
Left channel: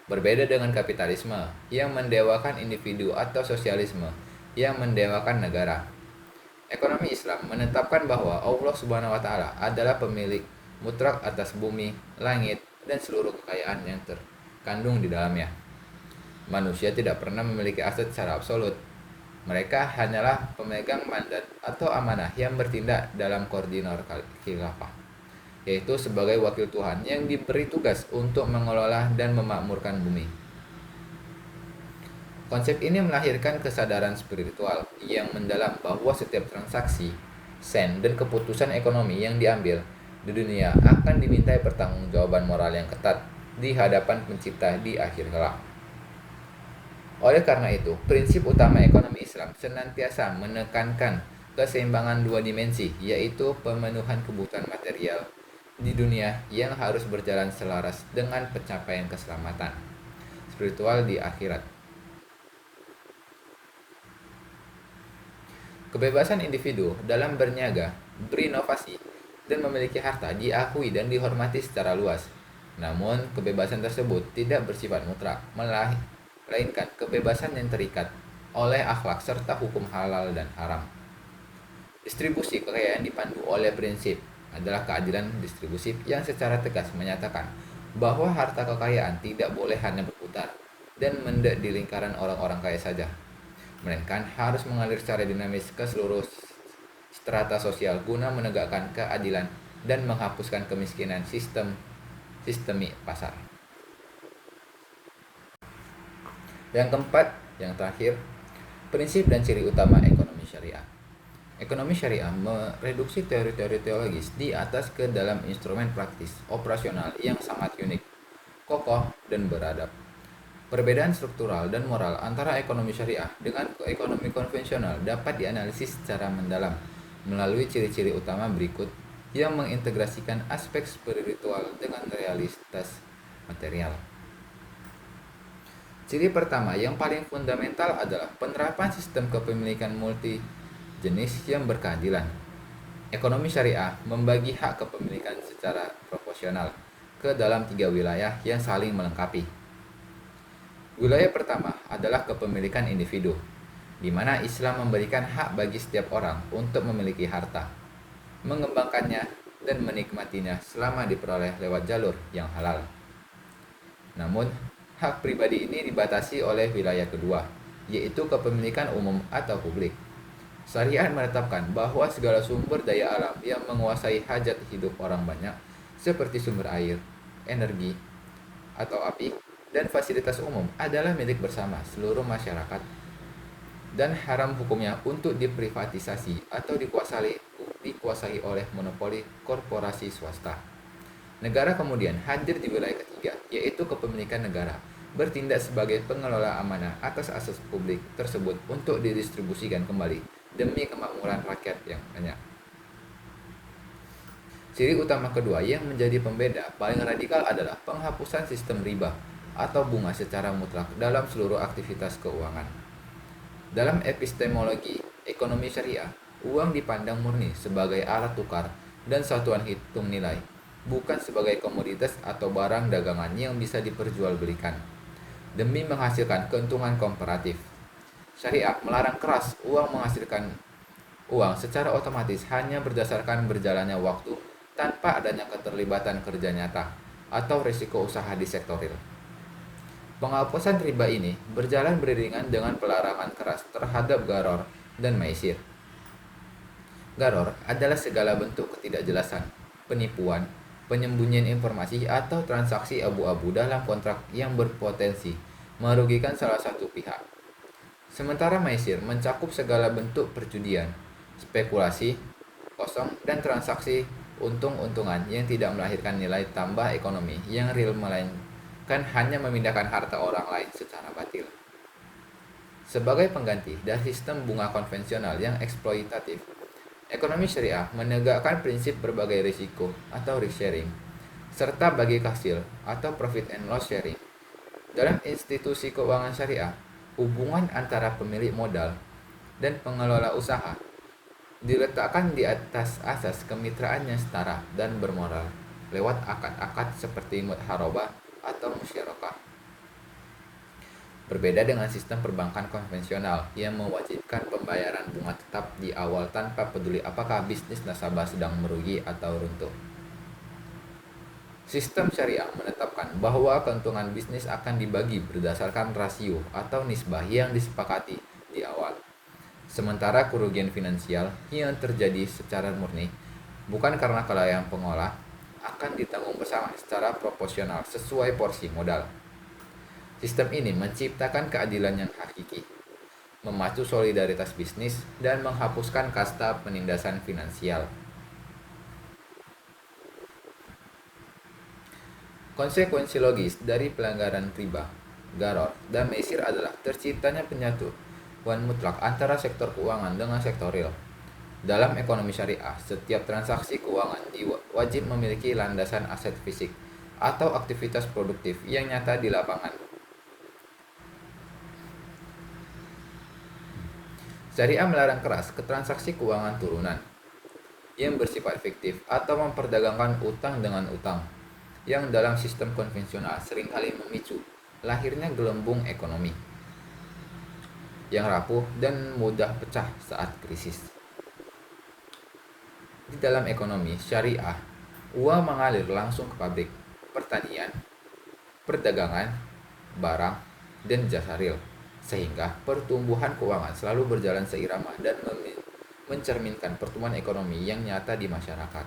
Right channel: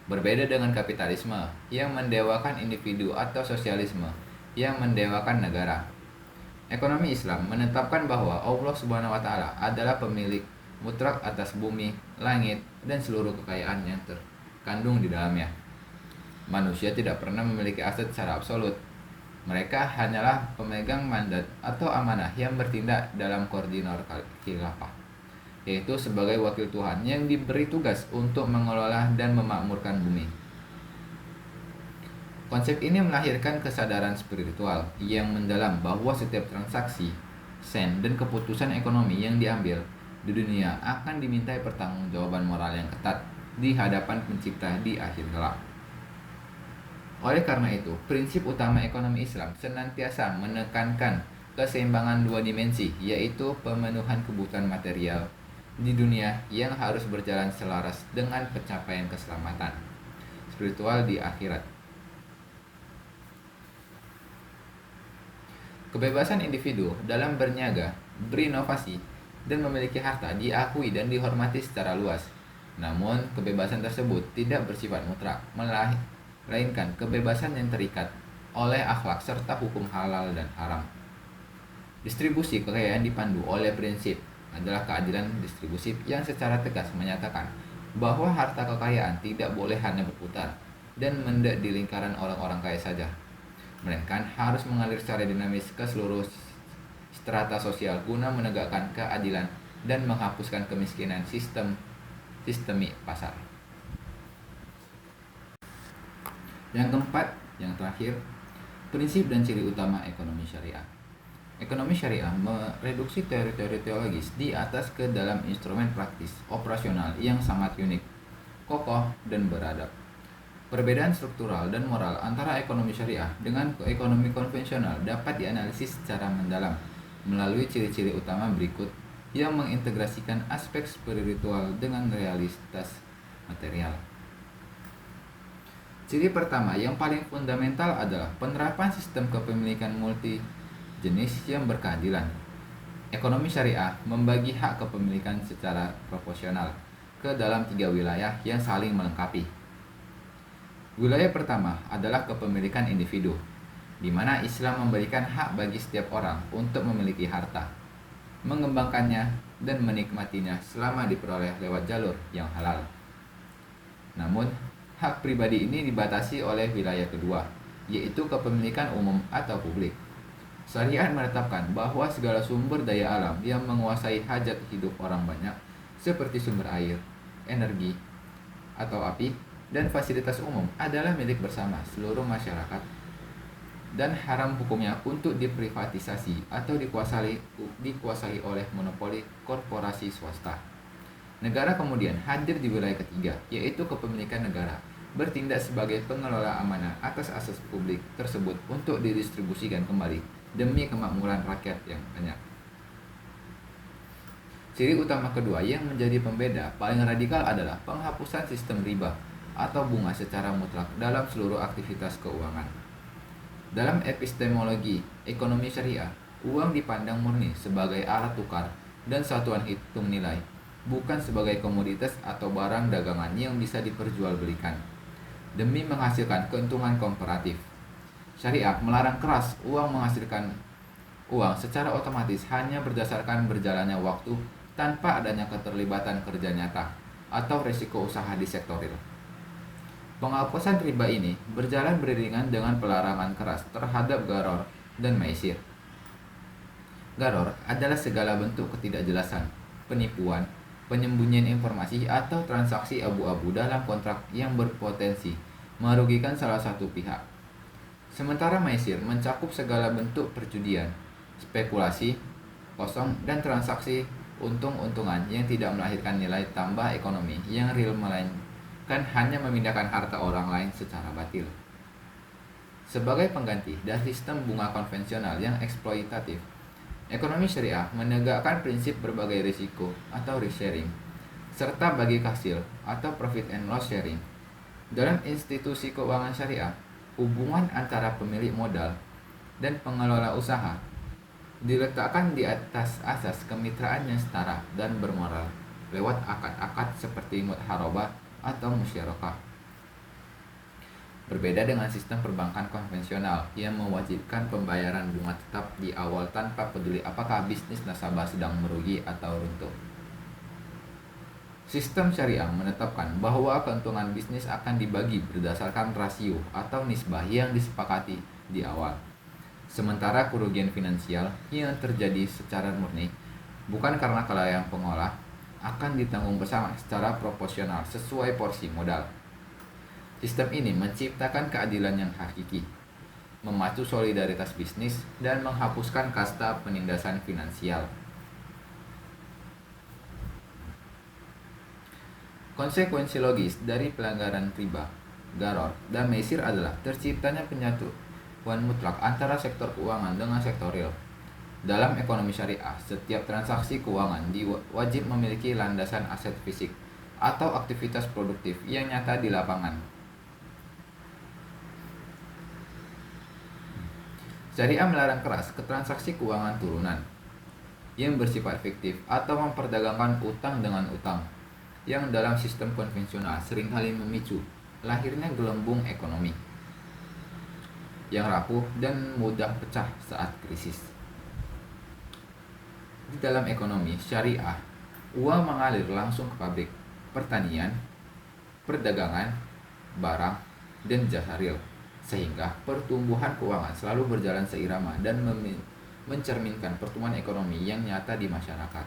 Berbeda dengan kapitalisme yang mendewakan individu atau sosialisme yang mendewakan negara. Ekonomi Islam menetapkan bahwa Allah Subhanahu wa taala adalah pemilik mutlak atas bumi, langit, dan seluruh kekayaan yang terkandung di dalamnya. Manusia tidak pernah memiliki aset secara absolut. Mereka hanyalah pemegang mandat atau amanah yang bertindak dalam koordinat khilafah, yaitu sebagai wakil Tuhan yang diberi tugas untuk mengelola dan memakmurkan bumi. Konsep ini melahirkan kesadaran spiritual yang mendalam bahwa setiap transaksi, sen, dan keputusan ekonomi yang diambil di dunia akan dimintai pertanggungjawaban moral yang ketat di hadapan Pencipta di akhir kelak. Oleh karena itu, prinsip utama ekonomi Islam senantiasa menekankan keseimbangan dua dimensi, yaitu pemenuhan kebutuhan material di dunia yang harus berjalan selaras dengan pencapaian keselamatan spiritual di akhirat. Kebebasan individu dalam berniaga, berinovasi, dan memiliki harta diakui dan dihormati secara luas. Namun, kebebasan tersebut tidak bersifat mutlak, melainkan kebebasan yang terikat oleh akhlak serta hukum halal dan haram. Distribusi kekayaan dipandu oleh prinsip adalah keadilan distribusi yang secara tegas menyatakan bahwa harta kekayaan tidak boleh hanya berputar dan mendek di lingkaran orang-orang kaya saja, melainkan harus mengalir secara dinamis ke seluruh strata sosial guna menegakkan keadilan dan menghapuskan kemiskinan sistemi pasar. Yang keempat, yang terakhir, prinsip dan ciri utama ekonomi syariah. Ekonomi syariah mereduksi teori-teori teologis di atas ke dalam instrumen praktis operasional yang sangat unik, kokoh, dan beradab. Perbedaan struktural dan moral antara ekonomi syariah dengan ekonomi konvensional dapat dianalisis secara mendalam melalui ciri-ciri utama berikut yang mengintegrasikan aspek spiritual dengan realitas material. Ciri pertama yang paling fundamental adalah penerapan sistem kepemilikan multi jenis yang berkeadilan. Ekonomi syariah membagi hak kepemilikan secara proporsional ke dalam 3 wilayah yang saling melengkapi. Wilayah pertama adalah kepemilikan individu, di mana Islam memberikan hak bagi setiap orang untuk memiliki harta, mengembangkannya, dan menikmatinya selama diperoleh lewat jalur yang halal. Namun, hak pribadi ini dibatasi oleh wilayah kedua, yaitu kepemilikan umum atau publik. Syariat menetapkan bahwa segala sumber daya alam yang menguasai hajat hidup orang banyak, seperti sumber air, energi, atau api, dan fasilitas umum adalah milik bersama seluruh masyarakat dan haram hukumnya untuk diprivatisasi atau dikuasai oleh monopoli korporasi swasta. Negara kemudian hadir di wilayah ketiga, yaitu kepemilikan negara, bertindak sebagai pengelola amanah atas aset publik tersebut untuk didistribusikan kembali demi kemakmuran rakyat yang banyak. Ciri utama kedua yang menjadi pembeda paling radikal adalah penghapusan sistem riba atau bunga secara mutlak dalam seluruh aktivitas keuangan. Dalam epistemologi ekonomi syariah, uang dipandang murni sebagai alat tukar dan satuan hitung nilai, bukan sebagai komoditas atau barang dagangan yang bisa diperjualbelikan demi menghasilkan keuntungan komparatif. Syariat melarang keras uang menghasilkan uang secara otomatis hanya berdasarkan berjalannya waktu tanpa adanya keterlibatan kerja nyata atau risiko usaha di sektor real. Penghapusan riba ini berjalan beriringan dengan pelarangan keras terhadap gharar dan maisir. Gharar adalah segala bentuk ketidakjelasan, penipuan, penyembunyian informasi atau transaksi abu-abu dalam kontrak yang berpotensi merugikan salah satu pihak. Sementara maisir mencakup segala bentuk perjudian, spekulasi, kosong, dan transaksi untung-untungan yang tidak melahirkan nilai tambah ekonomi yang real melainkan hanya memindahkan harta orang lain secara batil. Sebagai pengganti dari sistem bunga konvensional yang eksploitatif, ekonomi syariah menegakkan prinsip berbagai risiko atau risk sharing, serta bagi hasil atau profit and loss sharing. Dalam institusi keuangan syariah, hubungan antara pemilik modal dan pengelola usaha diletakkan di atas asas kemitraan yang setara dan bermoral lewat akad-akad seperti mudharabah atau musyarakah. Berbeda dengan sistem perbankan konvensional yang mewajibkan pembayaran bunga tetap di awal tanpa peduli apakah bisnis nasabah sedang merugi atau runtuh. Sistem syariah menetapkan bahwa keuntungan bisnis akan dibagi berdasarkan rasio atau nisbah yang disepakati di awal. Sementara kerugian finansial yang terjadi secara murni, bukan karena kelalaian pengolah, akan ditanggung bersama secara proporsional sesuai porsi modal. Sistem ini menciptakan keadilan yang hakiki, memacu solidaritas bisnis, dan menghapuskan kasta penindasan finansial. Konsekuensi logis dari pelanggaran riba, gharar, dan maisir adalah terciptanya penyatuan mutlak antara sektor keuangan dengan sektor real. Dalam ekonomi syariah, setiap transaksi keuangan wajib memiliki landasan aset fisik atau aktivitas produktif yang nyata di lapangan. Syariah melarang keras ke transaksi keuangan turunan yang bersifat fiktif atau memperdagangkan utang dengan utang, yang dalam sistem konvensional seringkali memicu lahirnya gelembung ekonomi yang rapuh dan mudah pecah saat krisis. Di dalam ekonomi syariah, uang mengalir langsung ke pabrik, pertanian, perdagangan, barang, dan jasa real, sehingga pertumbuhan keuangan selalu berjalan seirama dan mencerminkan pertumbuhan ekonomi yang nyata di masyarakat.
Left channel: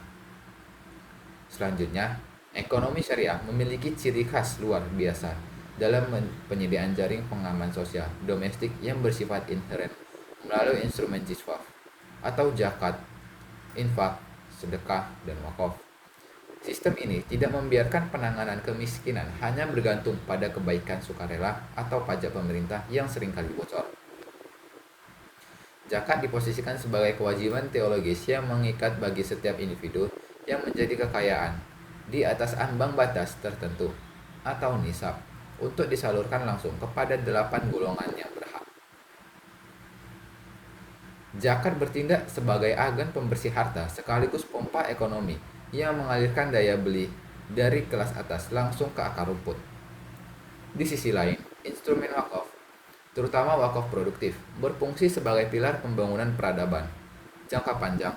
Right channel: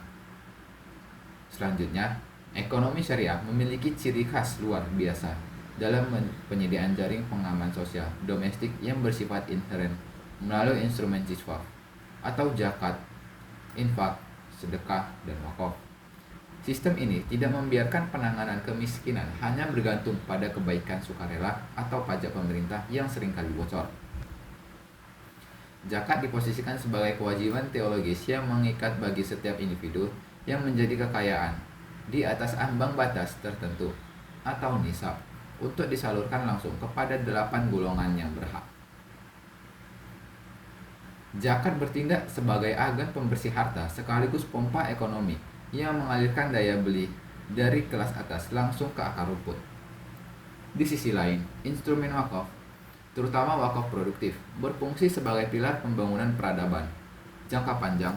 Selanjutnya, ekonomi syariah memiliki ciri khas luar biasa dalam penyediaan jaring pengaman sosial domestik yang bersifat inheren melalui instrumen jiswaf atau zakat, infak, sedekah, dan wakaf. Sistem ini tidak membiarkan penanganan kemiskinan hanya bergantung pada kebaikan sukarela atau pajak pemerintah yang seringkali bocor. Zakat diposisikan sebagai kewajiban teologis yang mengikat bagi setiap individu yang menjadi kekayaan di atas ambang batas tertentu atau nisab untuk disalurkan langsung kepada 8 golongan yang berhak. Zakat bertindak sebagai agen pembersih harta sekaligus pompa ekonomi yang mengalirkan daya beli dari kelas atas langsung ke akar rumput. Di sisi lain, instrumen wakaf, terutama wakaf produktif, berfungsi sebagai pilar pembangunan peradaban jangka panjang,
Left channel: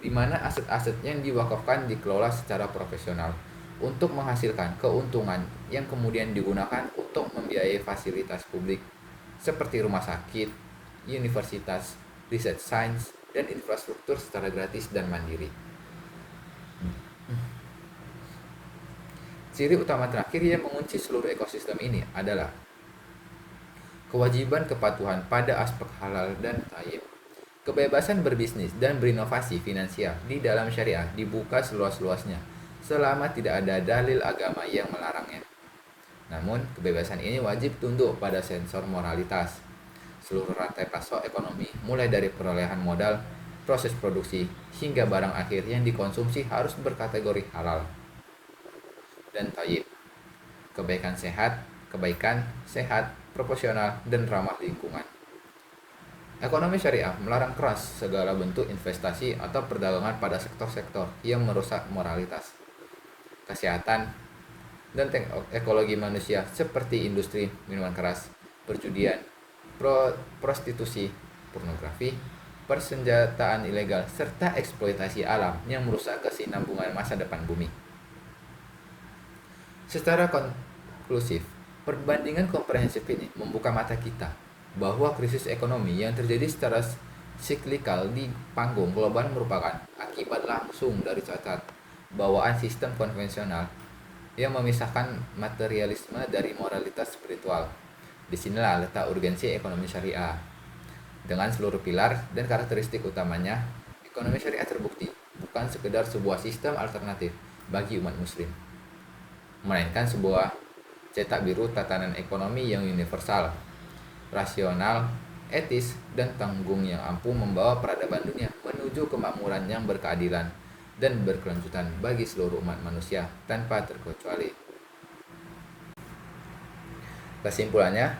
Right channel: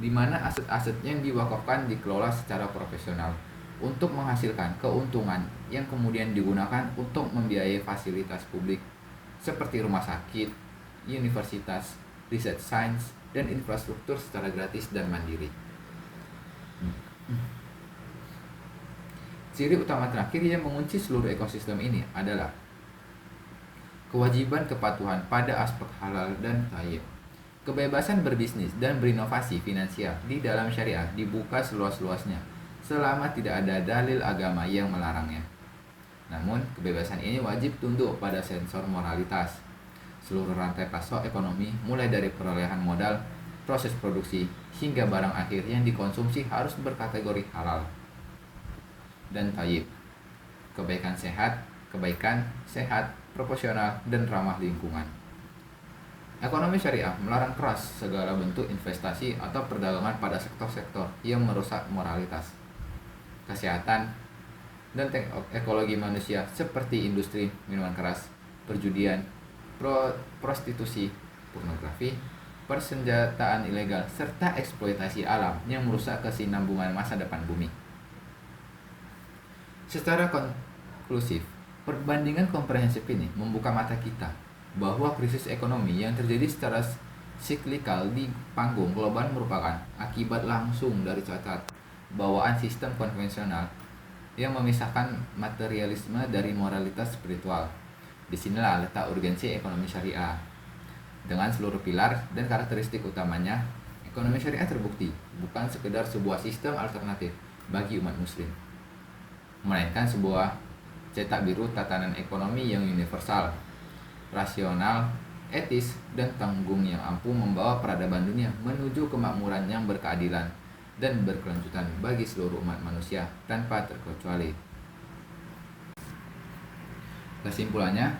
di mana aset-aset yang diwakafkan dikelola secara profesional untuk menghasilkan keuntungan yang kemudian digunakan untuk membiayai fasilitas publik seperti rumah sakit, universitas, riset sains, dan infrastruktur secara gratis dan mandiri. Ciri utama terakhir yang mengunci seluruh ekosistem ini adalah kewajiban kepatuhan pada aspek halal dan thayyib. Kebebasan berbisnis dan berinovasi finansial di dalam syariah dibuka seluas-luasnya selama tidak ada dalil agama yang melarangnya. Namun, kebebasan ini wajib tunduk pada sensor moralitas. Seluruh rantai pasok ekonomi, mulai dari perolehan modal, proses produksi, hingga barang akhir yang dikonsumsi harus berkategori halal dan thayyib. Kebaikan sehat, proporsional, dan ramah lingkungan. Ekonomi syariah melarang keras segala bentuk investasi atau perdagangan pada sektor-sektor yang merusak moralitas, kesehatan, dan ekologi manusia seperti industri minuman keras, perjudian, prostitusi, pornografi, persenjataan ilegal, serta eksploitasi alam yang merusak kesinambungan masa depan bumi. Secara konklusif, perbandingan komprehensif ini membuka mata kita bahwa krisis ekonomi yang terjadi secara Siklikal di panggung global merupakan akibat langsung dari cacat bawaan sistem konvensional yang memisahkan materialisme dari moralitas spiritual. Disinilah letak urgensi ekonomi syariah. Dengan seluruh pilar dan karakteristik utamanya, ekonomi syariah terbukti bukan sekedar sebuah sistem alternatif bagi umat muslim, melainkan sebuah cetak biru tatanan ekonomi yang universal, rasional, etis, dan tanggung yang ampuh membawa peradaban dunia menuju kemakmuran yang berkeadilan dan berkelanjutan bagi seluruh umat manusia tanpa terkecuali. Kesimpulannya,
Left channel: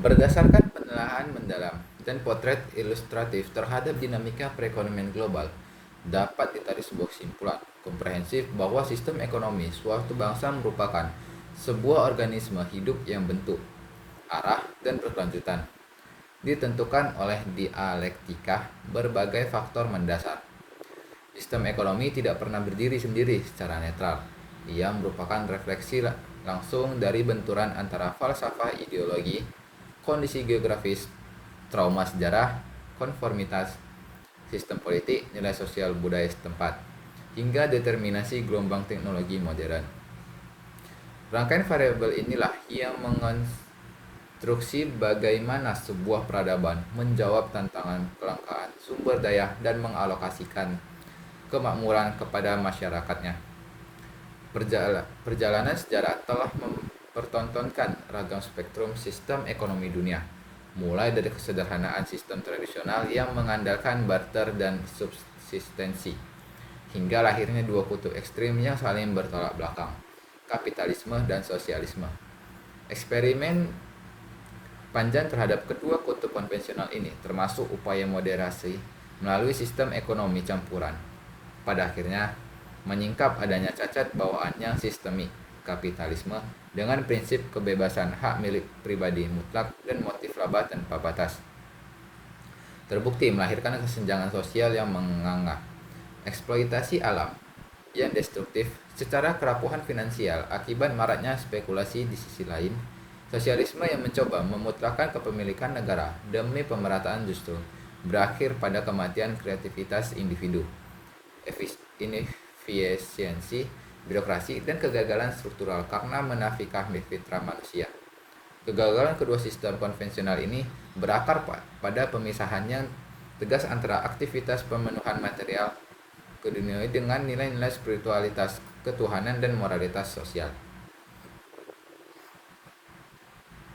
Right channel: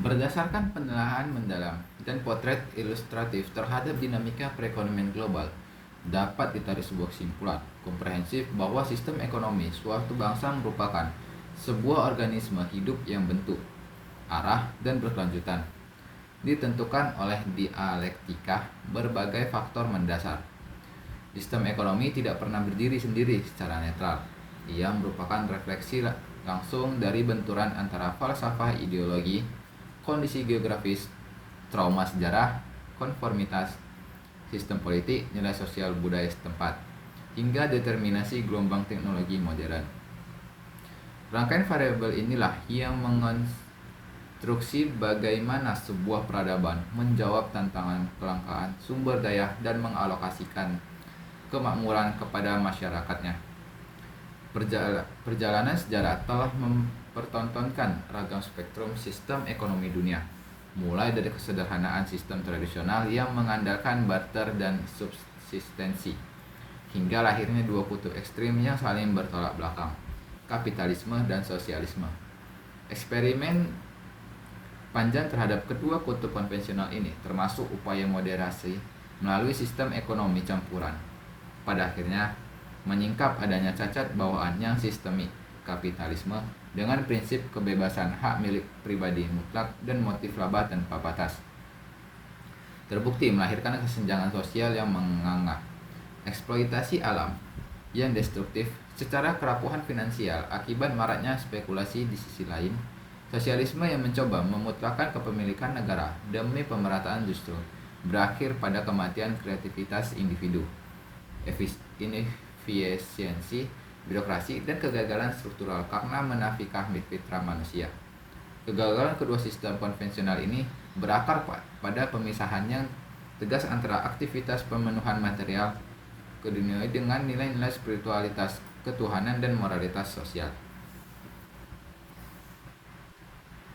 berdasarkan penelaahan mendalam dan potret ilustratif terhadap dinamika perekonomian global, dapat ditarik sebuah kesimpulan komprehensif bahwa sistem ekonomi suatu bangsa merupakan sebuah organisme hidup yang bentuk, arah, dan berkelanjutan ditentukan oleh dialektika berbagai faktor mendasar. Sistem ekonomi tidak pernah berdiri sendiri secara netral. Ia merupakan refleksi langsung dari benturan antara falsafah ideologi, kondisi geografis, trauma sejarah, konformitas, sistem politik, nilai sosial budaya setempat, hingga determinasi gelombang teknologi modern. Rangkaian variabel inilah yang mengonstruksi bagaimana sebuah peradaban menjawab tantangan kelangkaan sumber daya dan mengalokasikan kemakmuran kepada masyarakatnya. Perjalanan sejarah telah mempertontonkan ragam spektrum sistem ekonomi dunia, mulai dari kesederhanaan sistem tradisional yang mengandalkan barter dan subsistensi, hingga lahirnya dua kutub ekstrim yang saling bertolak belakang, kapitalisme dan sosialisme. Eksperimen panjang terhadap kedua kutub konvensional ini termasuk upaya moderasi melalui sistem ekonomi campuran, pada akhirnya menyingkap adanya cacat bawaan yang sistemik kapitalisme dengan prinsip kebebasan hak milik pribadi mutlak dan motif laba tanpa batas. Terbukti melahirkan kesenjangan sosial yang menganga, eksploitasi alam yang destruktif secara kerapuhan finansial akibat maraknya spekulasi. Di sisi lain, sosialisme yang mencoba memutlakkan kepemilikan negara demi pemerataan justru berakhir pada kematian kreativitas individu, inefisiensi birokrasi, dan kegagalan struktural karena menafikan fitrah manusia. Kegagalan kedua sistem konvensional ini berakar pada pemisahan yang tegas antara aktivitas pemenuhan material keduniawi dengan nilai-nilai spiritualitas, ketuhanan, dan moralitas sosial.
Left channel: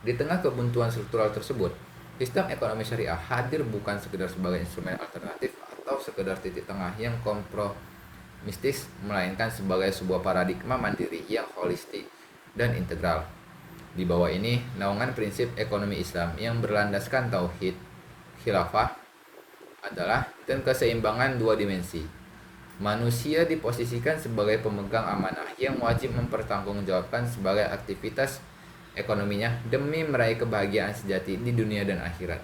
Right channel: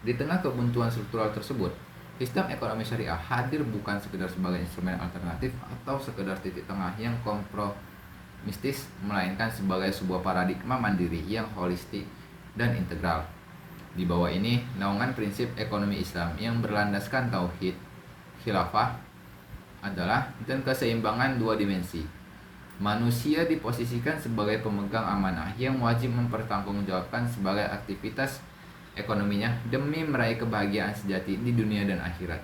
Di tengah kebuntuan struktural tersebut, sistem ekonomi syariah hadir bukan sekedar sebagai instrumen alternatif atau sekedar titik tengah yang kompromistis, melainkan sebagai sebuah paradigma mandiri yang holistik dan integral. Di bawah ini, naungan prinsip ekonomi Islam yang berlandaskan tauhid, khilafah, adalah dan keseimbangan dua dimensi. Manusia diposisikan sebagai pemegang amanah yang wajib mempertanggungjawabkan sebagai aktivitas ekonominya demi meraih kebahagiaan sejati di dunia dan akhirat.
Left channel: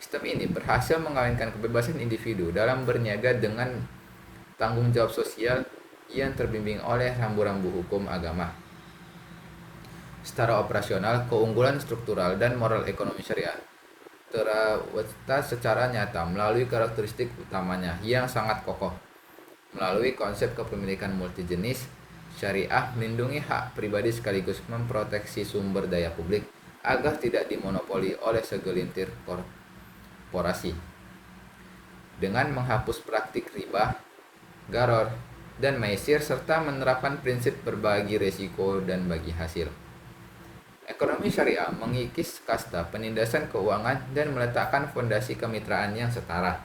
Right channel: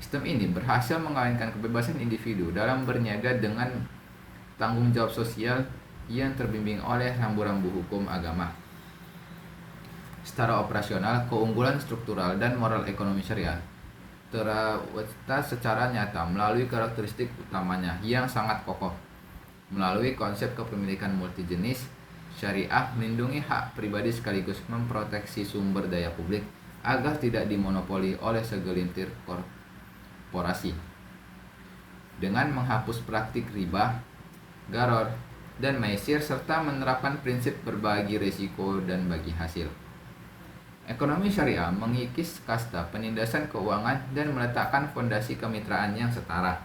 Sistem ini berhasil mengawinkan kebebasan individu dalam berniaga dengan tanggung jawab sosial yang terbimbing oleh rambu-rambu hukum agama. Secara operasional, keunggulan struktural dan moral ekonomi syariah terwujud secara nyata melalui karakteristik utamanya yang sangat kokoh. Melalui konsep kepemilikan multijenis, syariah melindungi hak pribadi sekaligus memproteksi sumber daya publik agar tidak dimonopoli oleh segelintir korporasi. Dengan menghapus praktik riba, gharar, dan maisir serta menerapkan prinsip berbagi risiko dan bagi hasil. Ekonomi syariah mengikis kasta penindasan keuangan dan meletakkan fondasi kemitraan yang setara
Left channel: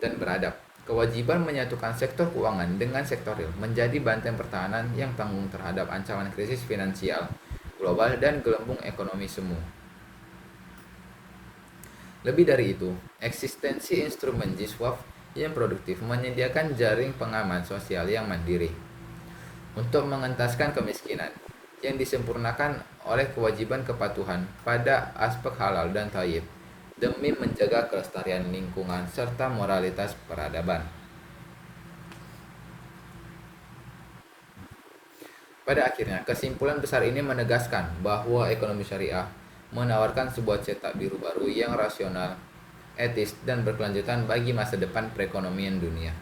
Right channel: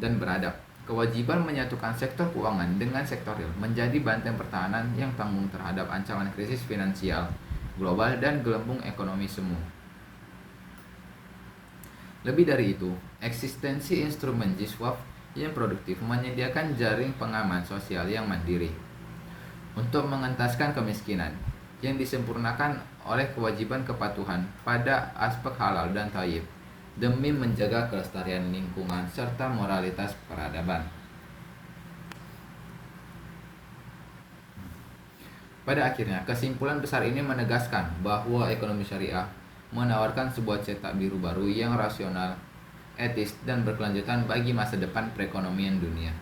dan beradab. Kewajiban menyatukan sektor keuangan dengan sektor real menjadi benteng pertahanan yang tangguh terhadap ancaman krisis finansial global dan gelembung ekonomi semu. Lebih dari itu, eksistensi instrumen jiswaf yang produktif menyediakan jaring pengaman sosial yang mandiri untuk mengentaskan kemiskinan yang disempurnakan oleh kewajiban kepatuhan pada aspek halal dan thayyib demi menjaga kelestarian lingkungan serta moralitas peradaban. Pada akhirnya, kesimpulan besar ini menegaskan bahwa ekonomi syariah menawarkan sebuah cetak biru baru yang rasional, etis, dan berkelanjutan bagi masa depan perekonomian dunia.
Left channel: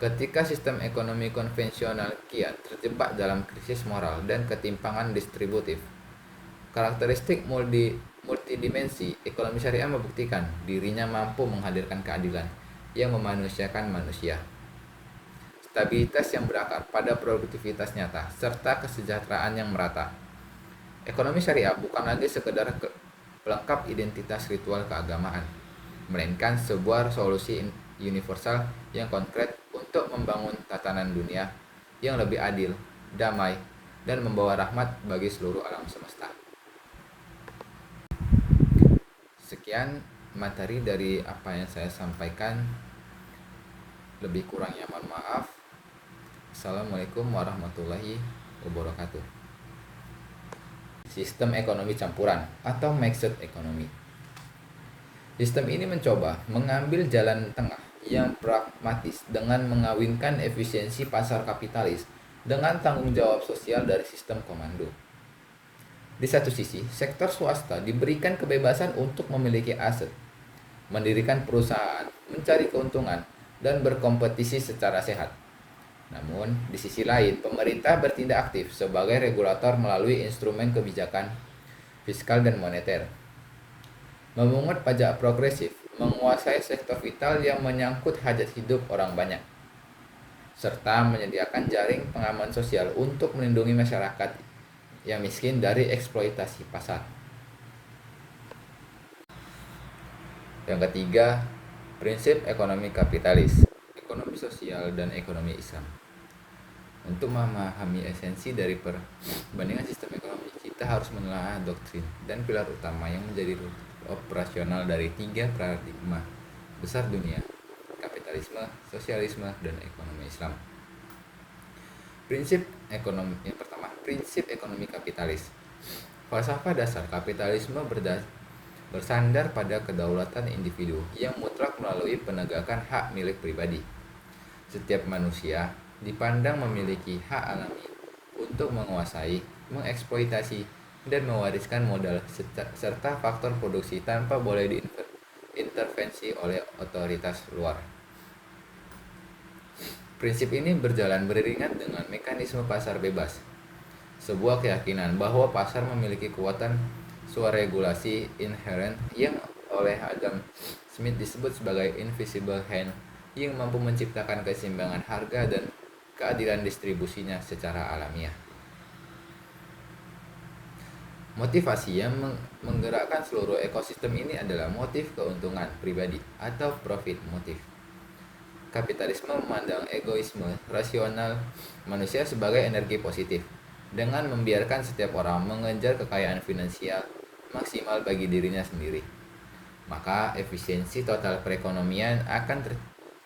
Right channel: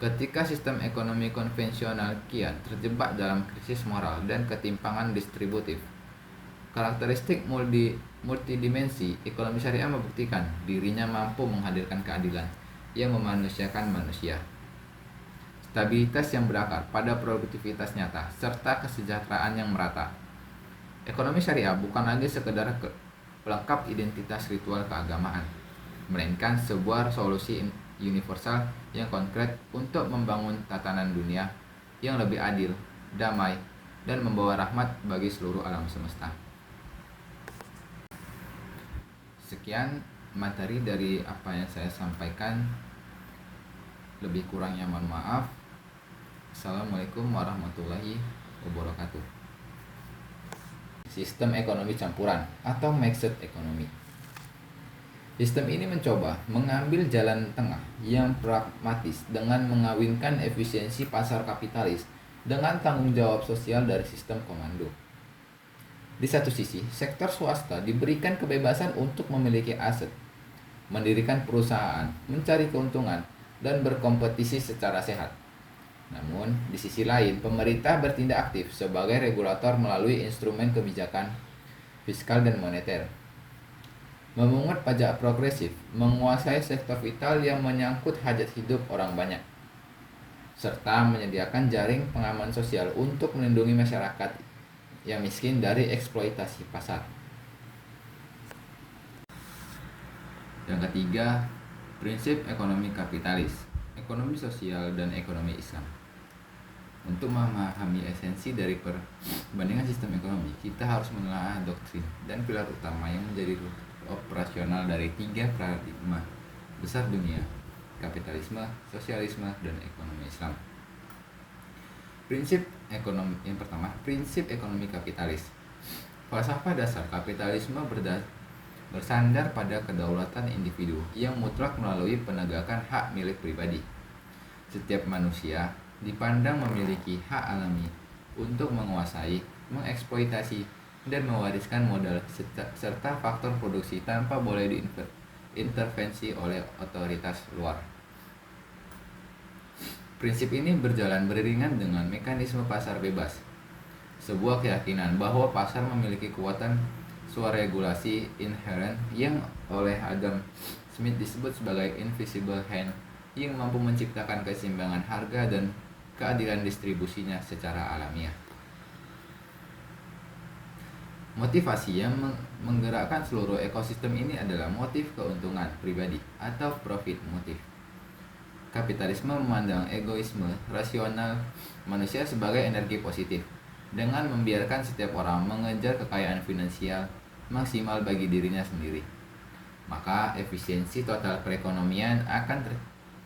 Ketika sistem ekonomi konvensional kiat terjebak dalam krisis moral dan ketimpangan distributif, karakteristik multidimensi ekonomi syariah membuktikan dirinya mampu menghadirkan keadilan yang memanusiakan manusia, stabilitas yang berakar pada produktivitas nyata, serta kesejahteraan yang merata. Ekonomi syariah bukan lagi sekedar pelengkap identitas ritual keagamaan, melainkan sebuah solusi universal yang konkret untuk membangun tatanan dunia yang lebih adil, damai, dan membawa rahmat bagi seluruh alam semesta. Sekian materi dari apa yang saya sampaikan. Lebih kurangnya mohon maaf. Assalamualaikum warahmatullahi wabarakatuh. Sistem ekonomi campuran atau mixed economy. Sistem ini mencoba mengambil jalan tengah yang pragmatis dengan mengawinkan efisiensi pasar kapitalis dengan tanggung jawab sosial dari sistem komando. Di satu sisi, sektor swasta diberikan kebebasan untuk memiliki aset, mendirikan perusahaan, mencari keuntungan, dan berkompetisi secara sehat. Namun, di sisi lain, pemerintah bertindak aktif sebagai regulator melalui instrumen kebijakan fiskal dan moneter, memungut pajak progresif, menguasai sektor vital yang menyangkut hajat hidup orang banyak, serta menyediakan jaring pengaman sosial untuk melindungi masyarakat yang miskin dari eksploitasi pasar. Yang ketiga, prinsip ekonomi kapitalis, ekonomi sosial, dan ekonomi Islam. Untuk memahami esensi dari perbandingan sistem ekonomi, kita harus menelaah doktrin dan pilar utama yang menjadi operasional dari tiga paradigma besar dunia: kapitalisme, sosialisme, dan ekonomi Islam. Prinsip ekonomi yang pertama, prinsip ekonomi kapitalis. Falsafah dasar kapitalisme bersandar pada kedaulatan individu yang mutlak melalui penegakan hak milik pribadi. Setiap manusia dipandang memiliki hak alami untuk menguasai, mengeksploitasi, dan mewariskan modal serta faktor produksi tanpa boleh diintervensi oleh otoritas luar. Prinsip ini berjalan beriringan dengan mekanisme pasar bebas, sebuah keyakinan bahwa pasar memiliki kekuatan swaregulasi inherent yang oleh Adam Smith disebut sebagai invisible hand, yang mampu menciptakan keseimbangan harga dan keadilan distribusinya secara alamiah. Motivasi yang menggerakkan seluruh ekosistem ini adalah motif keuntungan pribadi atau profit motif. Kapitalisme memandang egoisme rasional manusia sebagai energi positif, dengan membiarkan setiap orang mengejar kekayaan finansial maksimal bagi dirinya sendiri. Maka efisiensi total perekonomian akan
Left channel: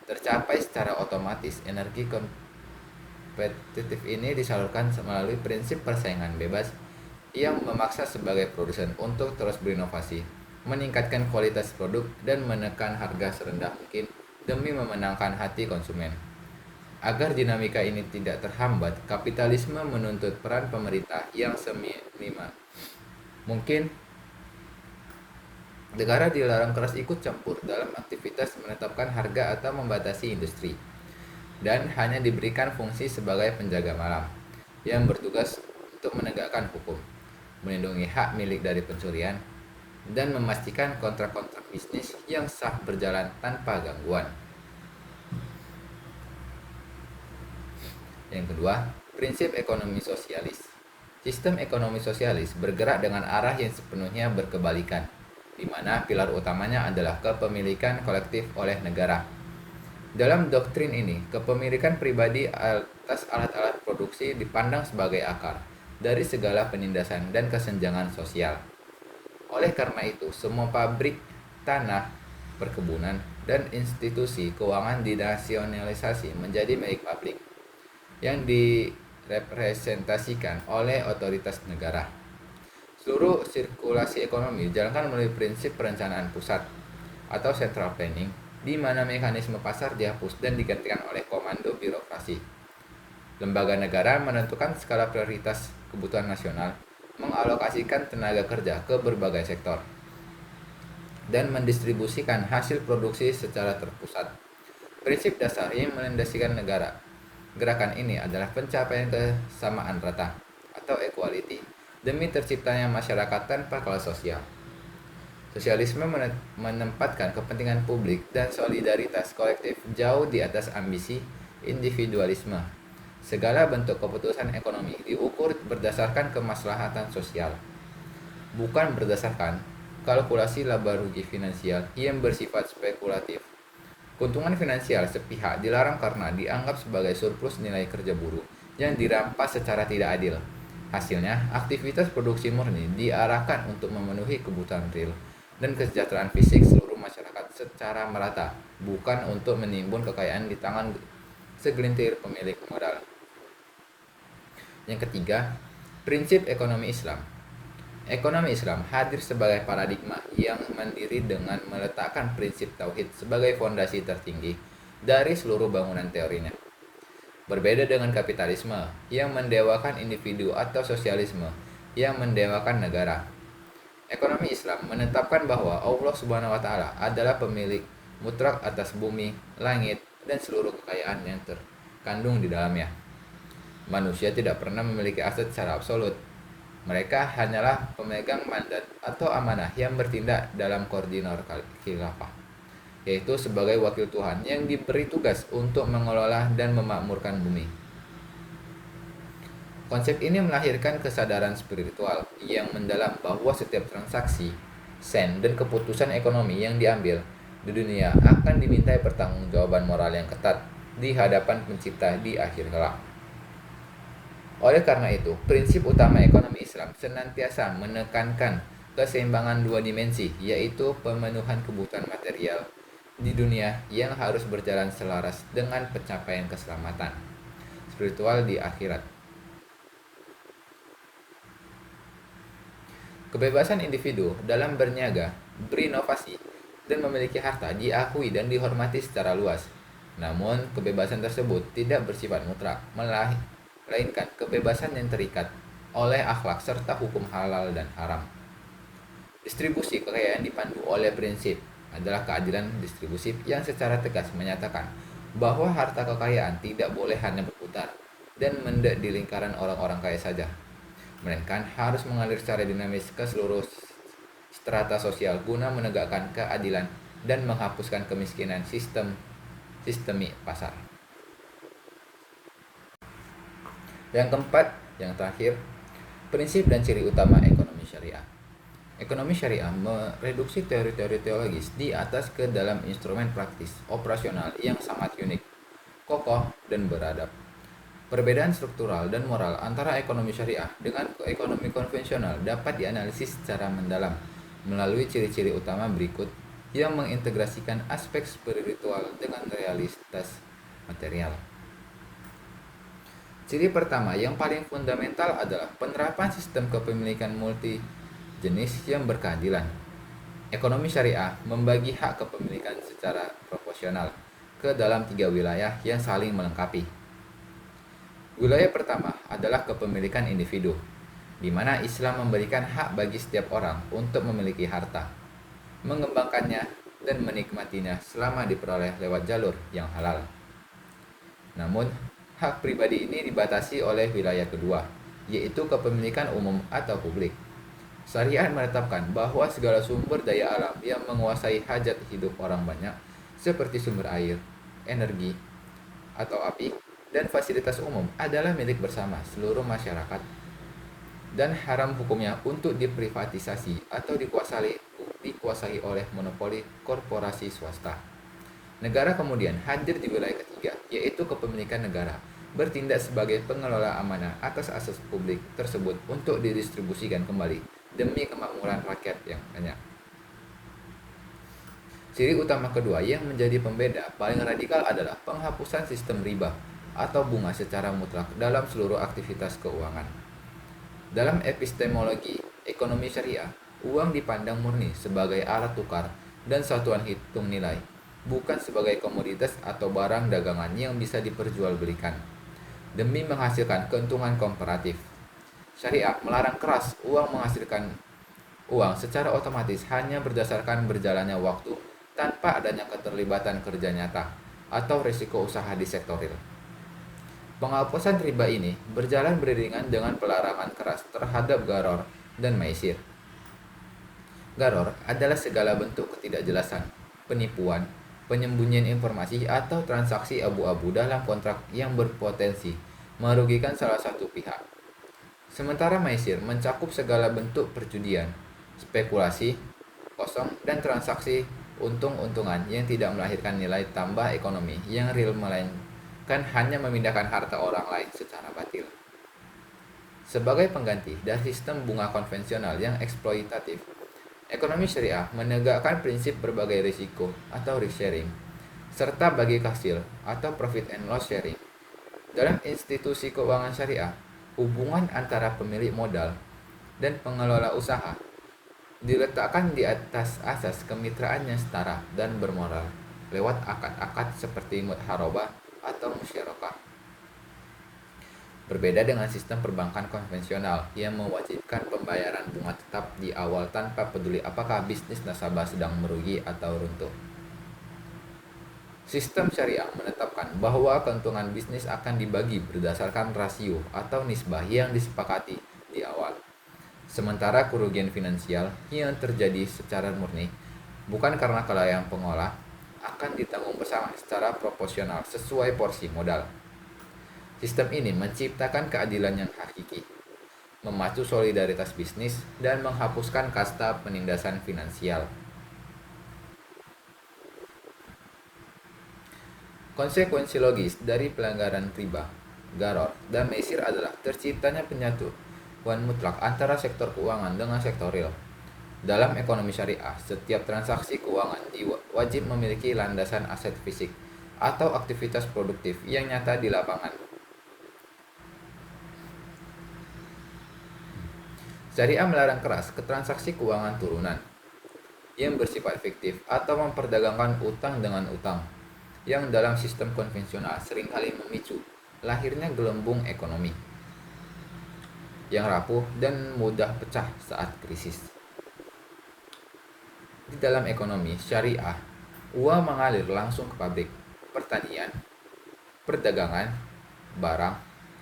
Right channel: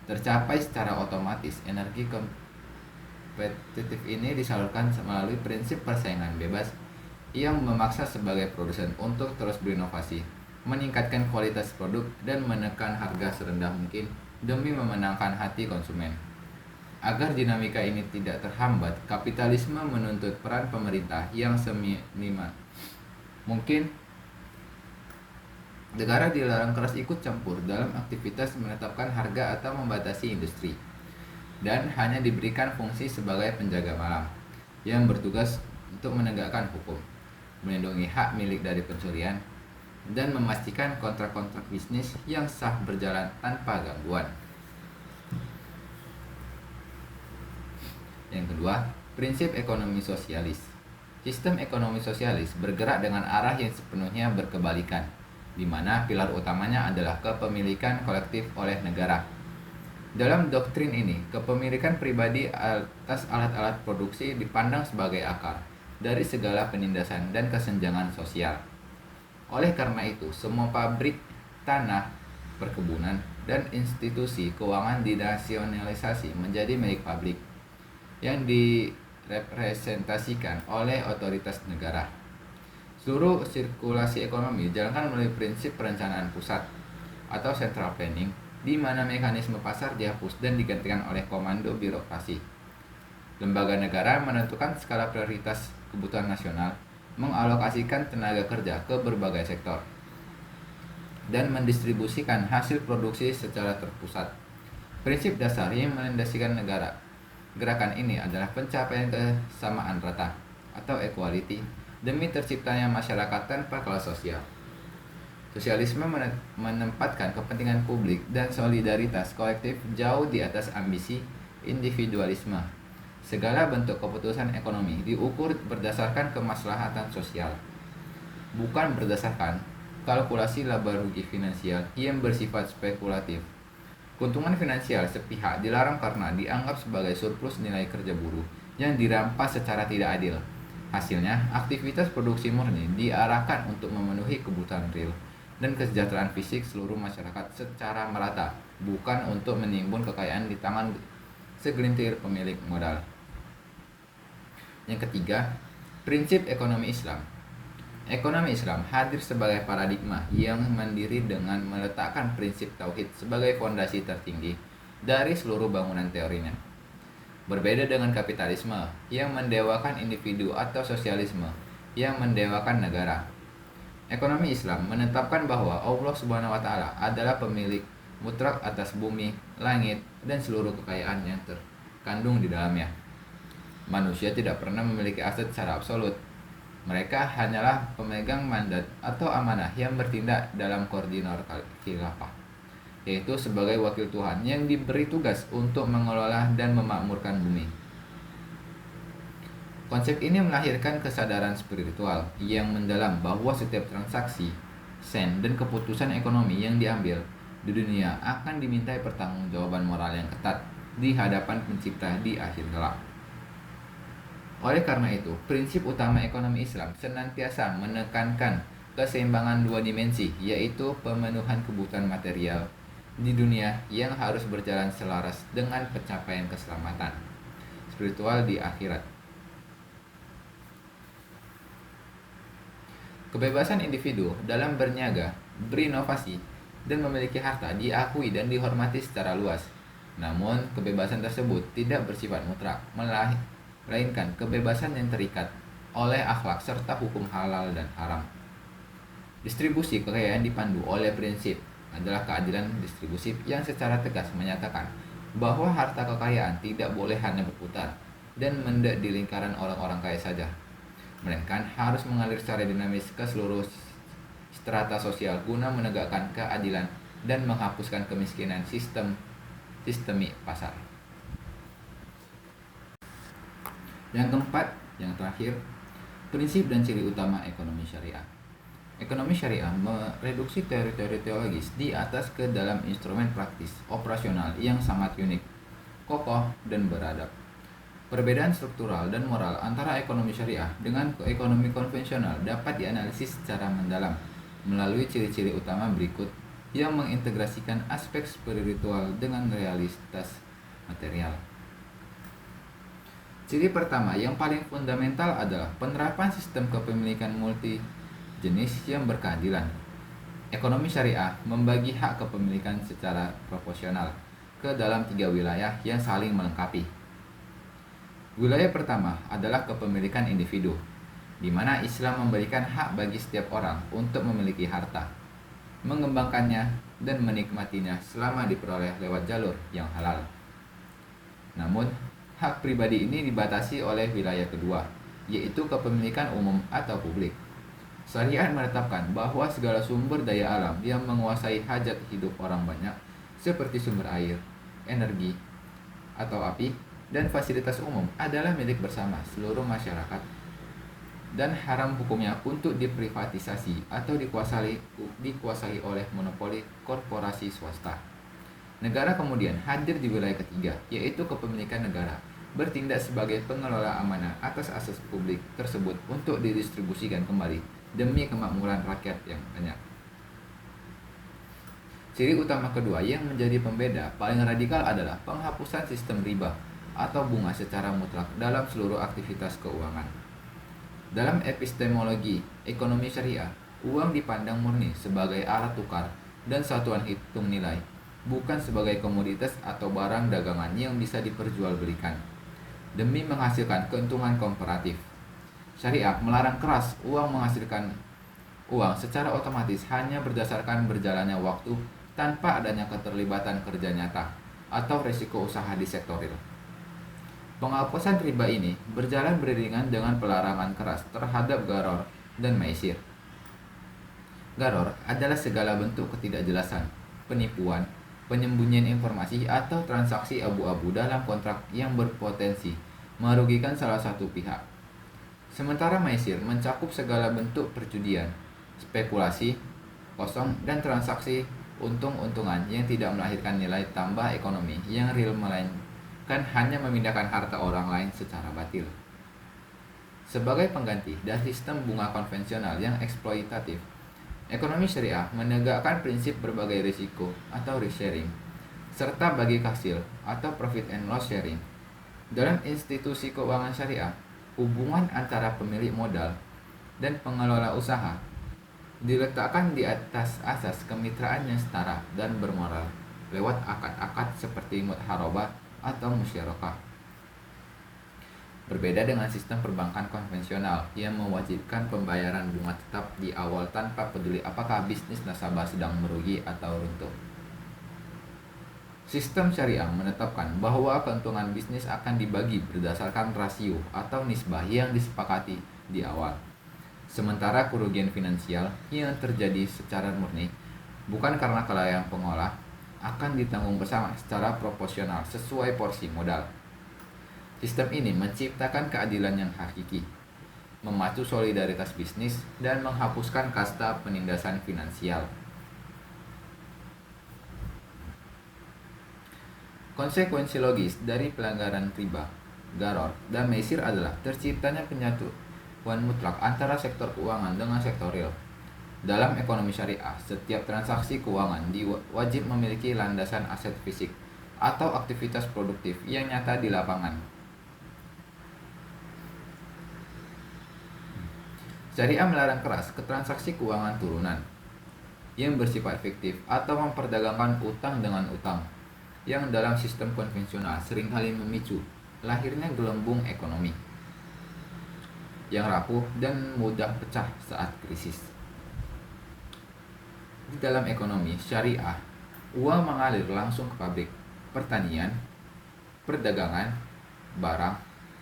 tercapai secara otomatis. Energi kompetitif ini disalurkan melalui prinsip persaingan bebas yang memaksa sebagai produsen untuk terus berinovasi, meningkatkan kualitas produk, dan menekan harga serendah mungkin demi memenangkan hati konsumen. Agar dinamika ini tidak terhambat, kapitalisme menuntut peran pemerintah yang seminimal mungkin. Negara dilarang keras ikut campur dalam aktivitas menetapkan harga atau membatasi industri, dan hanya diberikan fungsi sebagai penjaga malam yang bertugas untuk menegakkan hukum, melindungi hak milik dari pencurian, dan memastikan kontrak-kontrak bisnis yang sah berjalan tanpa gangguan. Yang kedua, prinsip ekonomi sosialis. Sistem ekonomi sosialis bergerak dengan arah yang sepenuhnya berkebalikan, di mana pilar utamanya adalah kepemilikan kolektif oleh negara. Dalam doktrin ini, kepemilikan pribadi atas alat-alat produksi dipandang sebagai akar dari segala penindasan dan kesenjangan sosial. Oleh karena itu, semua pabrik, tanah, perkebunan, dan institusi keuangan dinasionalisasi menjadi milik publik yang direpresentasikan oleh otoritas negara. Seluruh sirkulasi ekonomi dijalankan melalui prinsip perencanaan pusat atau central planning, di mana mekanisme pasar dihapus dan digantikan oleh komando birokrasi. Lembaga negara menentukan skala prioritas kebutuhan nasional, mengalokasikan tenaga kerja ke berbagai sektor, dan mendistribusikan hasil produksi secara terpusat. Prinsip dasar yang melandasikan negara gerakan ini adalah pencapaian kesamaan rata atau equality demi terciptanya masyarakat tanpa kelas sosial. Sosialisme menempatkan kepentingan publik dan solidaritas kolektif jauh di atas ambisi individualisme. Segala bentuk keputusan ekonomi diukur berdasarkan kemaslahatan sosial, bukan berdasarkan kalkulasi laba rugi finansial yang bersifat spekulatif. Keuntungan finansial sepihak dilarang karena dianggap sebagai surplus nilai kerja buruh yang dirampas secara tidak adil. Hasilnya, aktivitas produksi murni diarahkan untuk memenuhi kebutuhan real dan kesejahteraan fisik seluruh masyarakat secara merata, bukan untuk menimbun kekayaan di tangan segelintir pemilik modal. Yang ketiga, prinsip ekonomi Islam. Ekonomi Islam hadir sebagai paradigma yang mandiri dengan meletakkan prinsip tauhid sebagai fondasi tertinggi dari seluruh bangunan teorinya. Berbeda dengan kapitalisme yang mendewakan individu atau sosialisme yang mendewakan negara. Ekonomi Islam menetapkan bahwa Allah Subhanahu wa taala adalah pemilik mutlak atas bumi, langit, dan seluruh kekayaan yang terkandung di dalamnya. Manusia tidak pernah memiliki aset secara absolut. Mereka hanyalah pemegang mandat atau amanah yang bertindak dalam koordinat khilafah, yaitu sebagai wakil Tuhan yang diberi tugas untuk mengelola dan memakmurkan bumi. Konsep ini melahirkan kesadaran spiritual yang mendalam bahwa setiap transaksi, sen, dan keputusan ekonomi yang diambil di dunia akan dimintai pertanggungjawaban moral yang ketat di hadapan Pencipta di akhir kelak. Oleh karena itu, prinsip utama ekonomi Islam senantiasa menekankan keseimbangan dua dimensi, yaitu pemenuhan kebutuhan material di dunia yang harus berjalan selaras dengan pencapaian keselamatan spiritual di akhirat. Kebebasan individu dalam berniaga, berinovasi, dan memiliki harta diakui dan dihormati secara luas. Namun, kebebasan tersebut tidak bersifat mutlak, melainkan kebebasan yang terikat oleh akhlak serta hukum halal dan haram. Distribusi kekayaan dipandu oleh prinsip adalah keadilan distribusi yang secara tegas menyatakan bahwa harta kekayaan tidak boleh hanya berputar dan mendek di lingkaran orang-orang kaya saja, melainkan harus mengalir secara dinamis ke seluruh strata sosial guna menegakkan keadilan dan menghapuskan kemiskinan sistemi pasar. Yang keempat, yang terakhir, prinsip dan ciri utama ekonomi syariah. Ekonomi syariah mereduksi teori-teori teologis di atas ke dalam instrumen praktis operasional yang sangat unik, kokoh, dan beradab. Perbedaan struktural dan moral antara ekonomi syariah dengan ekonomi konvensional dapat dianalisis secara mendalam melalui ciri-ciri utama berikut yang mengintegrasikan aspek spiritual dengan realitas material. Ciri pertama yang paling fundamental adalah penerapan sistem kepemilikan multi jenis yang berkeadilan. Ekonomi syariah membagi hak kepemilikan secara proporsional ke dalam 3 wilayah yang saling melengkapi. Wilayah pertama adalah kepemilikan individu, di mana Islam memberikan hak bagi setiap orang untuk memiliki harta, mengembangkannya, dan menikmatinya selama diperoleh lewat jalur yang halal. Namun, hak pribadi ini dibatasi oleh wilayah kedua, yaitu kepemilikan umum atau publik. Syariat menetapkan bahwa segala sumber daya alam yang menguasai hajat hidup orang banyak, seperti sumber air, energi, atau api, dan fasilitas umum adalah milik bersama seluruh masyarakat dan haram hukumnya untuk diprivatisasi atau dikuasai oleh monopoli korporasi swasta. Negara kemudian hadir di wilayah ketiga, yaitu kepemilikan negara, bertindak sebagai pengelola amanah atas aset publik tersebut untuk didistribusikan kembali demi kemakmuran rakyat yang banyak. Ciri utama kedua yang menjadi pembeda paling radikal adalah penghapusan sistem riba atau bunga secara mutlak dalam seluruh aktivitas keuangan. Dalam epistemologi ekonomi syariah, uang dipandang murni sebagai alat tukar dan satuan hitung nilai, bukan sebagai komoditas atau barang dagangan yang bisa diperjualbelikan demi menghasilkan keuntungan komparatif. Syariat melarang keras uang menghasilkan uang secara otomatis hanya berdasarkan berjalannya waktu tanpa adanya keterlibatan kerja nyata atau risiko usaha di sektor real. Penghapusan riba ini berjalan beriringan dengan pelarangan keras terhadap Gharar dan Maisir. Gharar adalah segala bentuk ketidakjelasan, penipuan, penyembunyian informasi atau transaksi abu-abu dalam kontrak yang berpotensi merugikan salah satu pihak. Sementara Maisir mencakup segala bentuk perjudian, spekulasi, kosong, dan transaksi untung-untungan yang tidak melahirkan nilai tambah ekonomi yang real melainkan hanya memindahkan harta orang lain secara batil. Sebagai pengganti dari sistem bunga konvensional yang eksploitatif, ekonomi syariah menegakkan prinsip berbagai risiko atau risk sharing, serta bagi hasil atau profit and loss sharing. Dalam institusi keuangan syariah, hubungan antara pemilik modal dan pengelola usaha diletakkan di atas asas kemitraan yang setara dan bermoral lewat akad-akad seperti mudharabah atau musyarakah. Berbeda dengan sistem perbankan konvensional yang mewajibkan pembayaran bunga tetap di awal tanpa peduli apakah bisnis nasabah sedang merugi atau runtuh. Sistem syariah menetapkan bahwa keuntungan bisnis akan dibagi berdasarkan rasio atau nisbah yang disepakati di awal. Sementara kerugian finansial yang terjadi secara murni, bukan karena kelalaian pengolah, akan ditanggung bersama secara proporsional sesuai porsi modal. Sistem ini menciptakan keadilan yang hakiki, memacu solidaritas bisnis, dan menghapuskan kasta penindasan finansial. Konsekuensi logis dari pelanggaran riba, Gharar, dan Maisir adalah terciptanya penyatuan mutlak antara sektor keuangan dengan sektor real. Dalam ekonomi syariah, setiap transaksi keuangan wajib memiliki landasan aset fisik atau aktivitas produktif yang nyata di lapangan. Syariah melarang keras ke transaksi keuangan turunan yang bersifat fiktif atau memperdagangkan utang dengan utang, yang dalam sistem konvensional seringkali memicu lahirnya gelembung ekonomi yang rapuh dan mudah pecah saat krisis. Di dalam ekonomi syariah, uang mengalir langsung ke pabrik, pertanian, perdagangan, barang,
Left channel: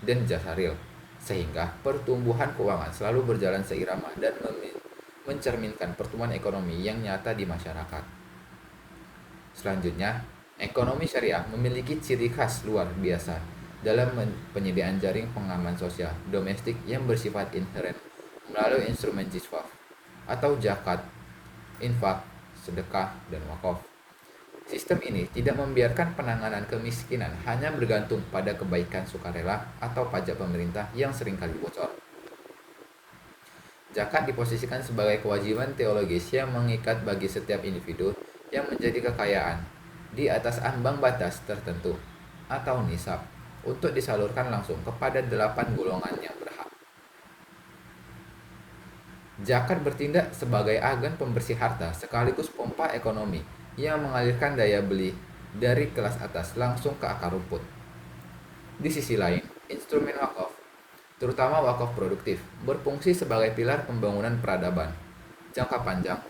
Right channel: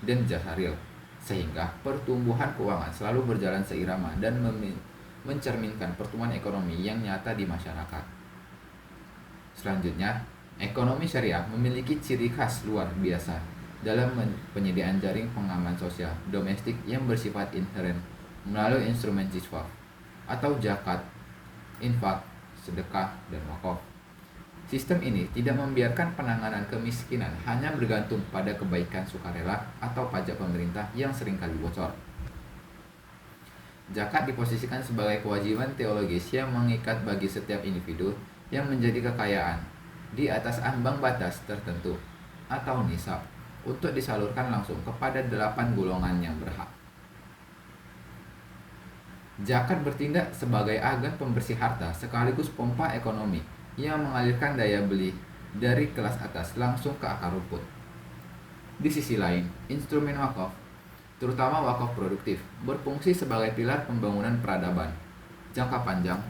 dan jasa real, sehingga pertumbuhan keuangan selalu berjalan seirama dan mencerminkan pertumbuhan ekonomi yang nyata di masyarakat. Selanjutnya, ekonomi syariah memiliki ciri khas luar biasa dalam penyediaan jaring pengaman sosial domestik yang bersifat inheren melalui instrumen jiswaf atau zakat, infak, sedekah, dan wakaf. Sistem ini tidak membiarkan penanganan kemiskinan hanya bergantung pada kebaikan sukarela atau pajak pemerintah yang seringkali bocor. Zakat diposisikan sebagai kewajiban teologis yang mengikat bagi setiap individu yang menjadi kekayaan di atas ambang batas tertentu atau nisab untuk disalurkan langsung kepada 8 golongan yang berhak. Zakat bertindak sebagai agen pembersih harta sekaligus pompa ekonomi yang mengalirkan daya beli dari kelas atas langsung ke akar rumput. Di sisi lain, instrumen wakaf, terutama wakaf produktif, berfungsi sebagai pilar pembangunan peradaban jangka panjang,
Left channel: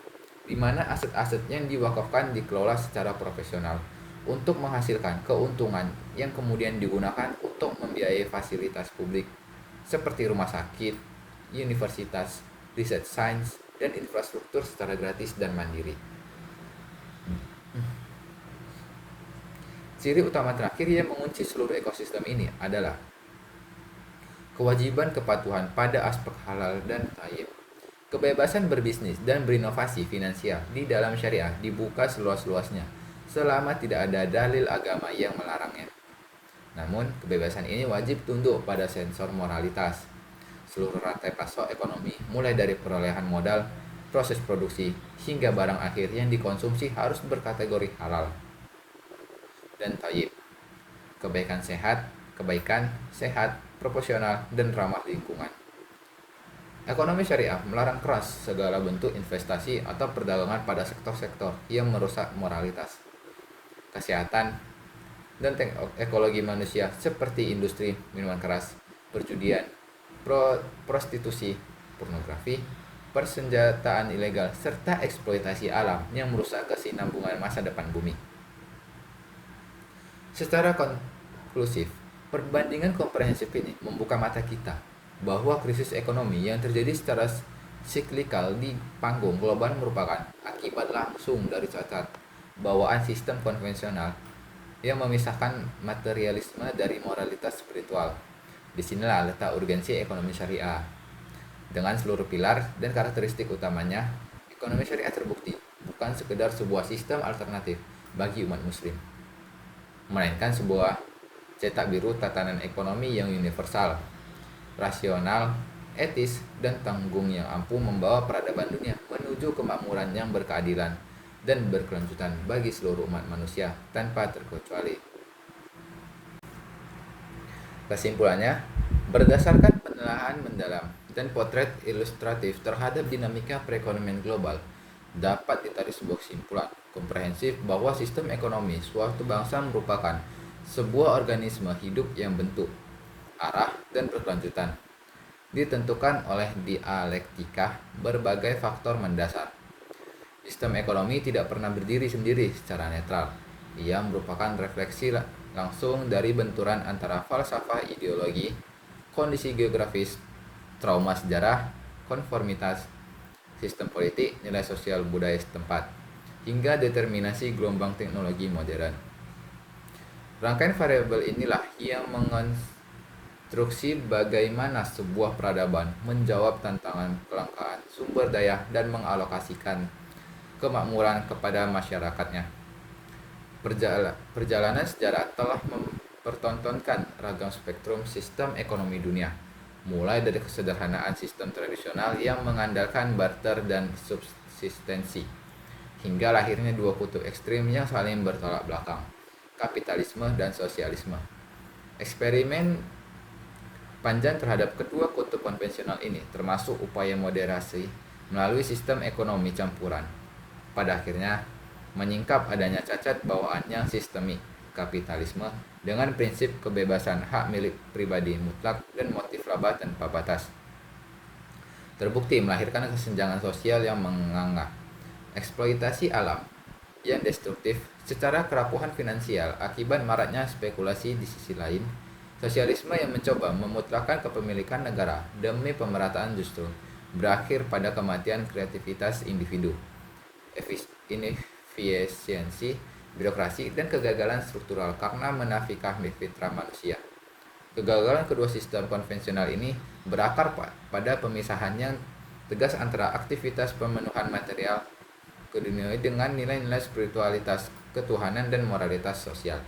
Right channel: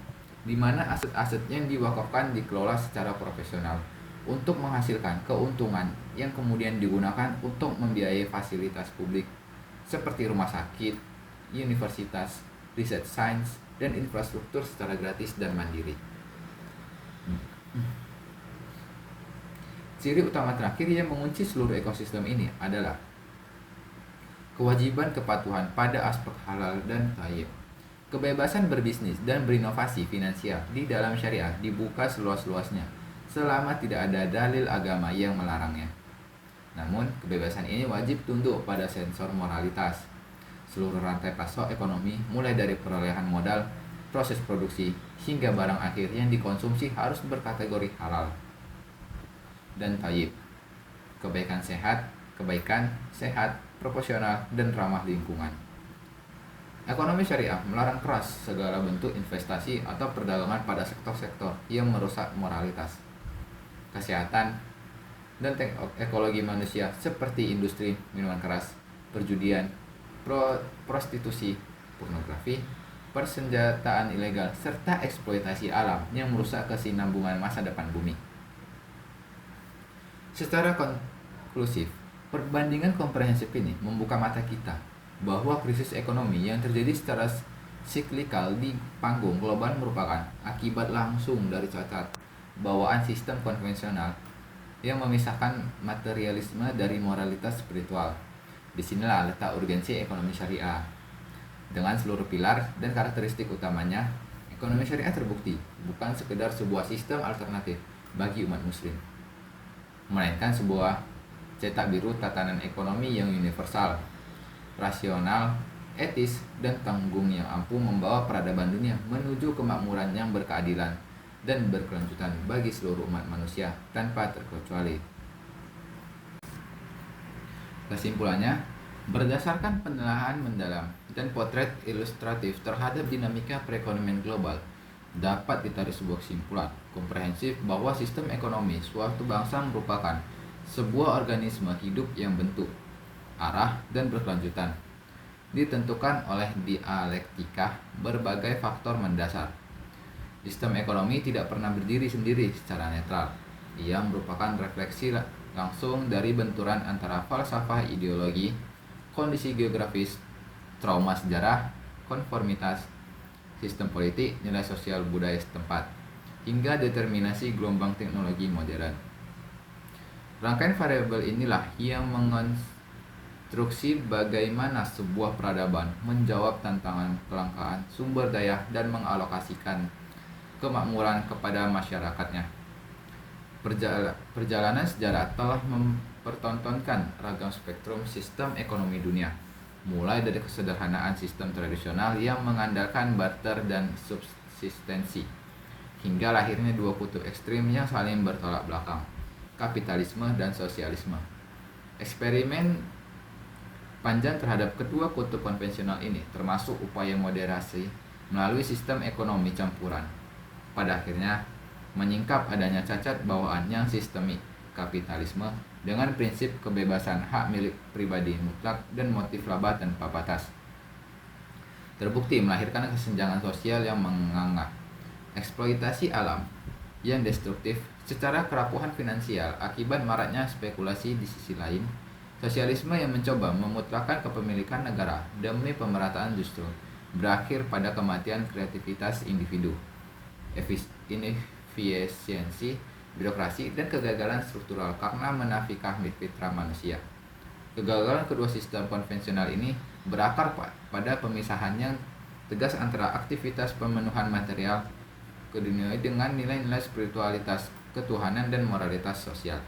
di mana aset-aset yang diwakafkan dikelola secara profesional untuk menghasilkan keuntungan yang kemudian digunakan untuk membiayai fasilitas publik seperti rumah sakit, universitas, riset sains, dan infrastruktur secara gratis dan mandiri. Ciri utama terakhir yang mengunci seluruh ekosistem ini adalah kewajiban kepatuhan pada aspek halal dan thayyib. Kebebasan berbisnis dan berinovasi finansial di dalam syariah dibuka seluas-luasnya selama tidak ada dalil agama yang melarangnya. Namun, kebebasan ini wajib tunduk pada sensor moralitas. Seluruh rantai pasok ekonomi, mulai dari perolehan modal, proses produksi, hingga barang akhir yang dikonsumsi harus berkategori halal dan thayyib. Kebaikan sehat, proporsional, dan ramah lingkungan. Ekonomi syariah melarang keras segala bentuk investasi atau perdagangan pada sektor-sektor yang merusak moralitas, kesehatan, dan ekologi manusia seperti industri minuman keras, perjudian, prostitusi, pornografi, persenjataan ilegal, serta eksploitasi alam yang merusak kesinambungan masa depan bumi. Secara konklusif, perbandingan komprehensif ini membuka mata kita bahwa krisis ekonomi yang terjadi secara siklikal di panggung global merupakan akibat langsung dari cacat bawaan sistem konvensional yang memisahkan materialisme dari moralitas spiritual. Disinilah letak urgensi ekonomi syariah. Dengan seluruh pilar dan karakteristik utamanya, ekonomi syariah terbukti bukan sekedar sebuah sistem alternatif bagi umat muslim, melainkan sebuah cetak biru tatanan ekonomi yang universal, rasional, etis, dan tanggung yang ampuh membawa peradaban dunia menuju kemakmuran yang berkeadilan dan berkelanjutan bagi seluruh umat manusia tanpa terkecuali. Kesimpulannya, berdasarkan penelaahan mendalam dan potret ilustratif terhadap dinamika perekonomian global, dapat ditarik sebuah kesimpulan komprehensif bahwa sistem ekonomi suatu bangsa merupakan sebuah organisme hidup yang bentuk, arah, dan berkelanjutan ditentukan oleh dialektika berbagai faktor mendasar. Sistem ekonomi tidak pernah berdiri sendiri secara netral. Ia merupakan refleksi langsung dari benturan antara falsafah ideologi, kondisi geografis, trauma sejarah, konformitas, sistem politik, nilai sosial budaya setempat, hingga determinasi gelombang teknologi modern. Rangkaian variabel inilah yang mengonstruksi bagaimana sebuah peradaban menjawab tantangan kelangkaan sumber daya dan mengalokasikan kemakmuran kepada masyarakatnya. Perjalanan sejarah telah mempertontonkan ragam spektrum sistem ekonomi dunia, mulai dari kesederhanaan sistem tradisional yang mengandalkan barter dan subsistensi, hingga lahirnya dua kutub ekstrim yang saling bertolak belakang, kapitalisme dan sosialisme. Eksperimen panjang terhadap kedua kutub konvensional ini termasuk upaya moderasi melalui sistem ekonomi campuran, pada akhirnya menyingkap adanya cacat bawaan yang sistemik kapitalisme dengan prinsip kebebasan hak milik pribadi mutlak dan motif laba tanpa batas. Terbukti melahirkan kesenjangan sosial yang menganga, eksploitasi alam yang destruktif, secara kerapuhan finansial akibat maraknya spekulasi. Di sisi lain, sosialisme yang mencoba memutlakkan kepemilikan negara demi pemerataan justru berakhir pada kematian kreativitas individu, inefisiensi birokrasi, dan kegagalan struktural karena menafikan fitrah manusia. Kegagalan kedua sistem konvensional ini berakar pada pemisahan yang tegas antara aktivitas pemenuhan material keduniawi dengan nilai-nilai spiritualitas, ketuhanan, dan moralitas sosial.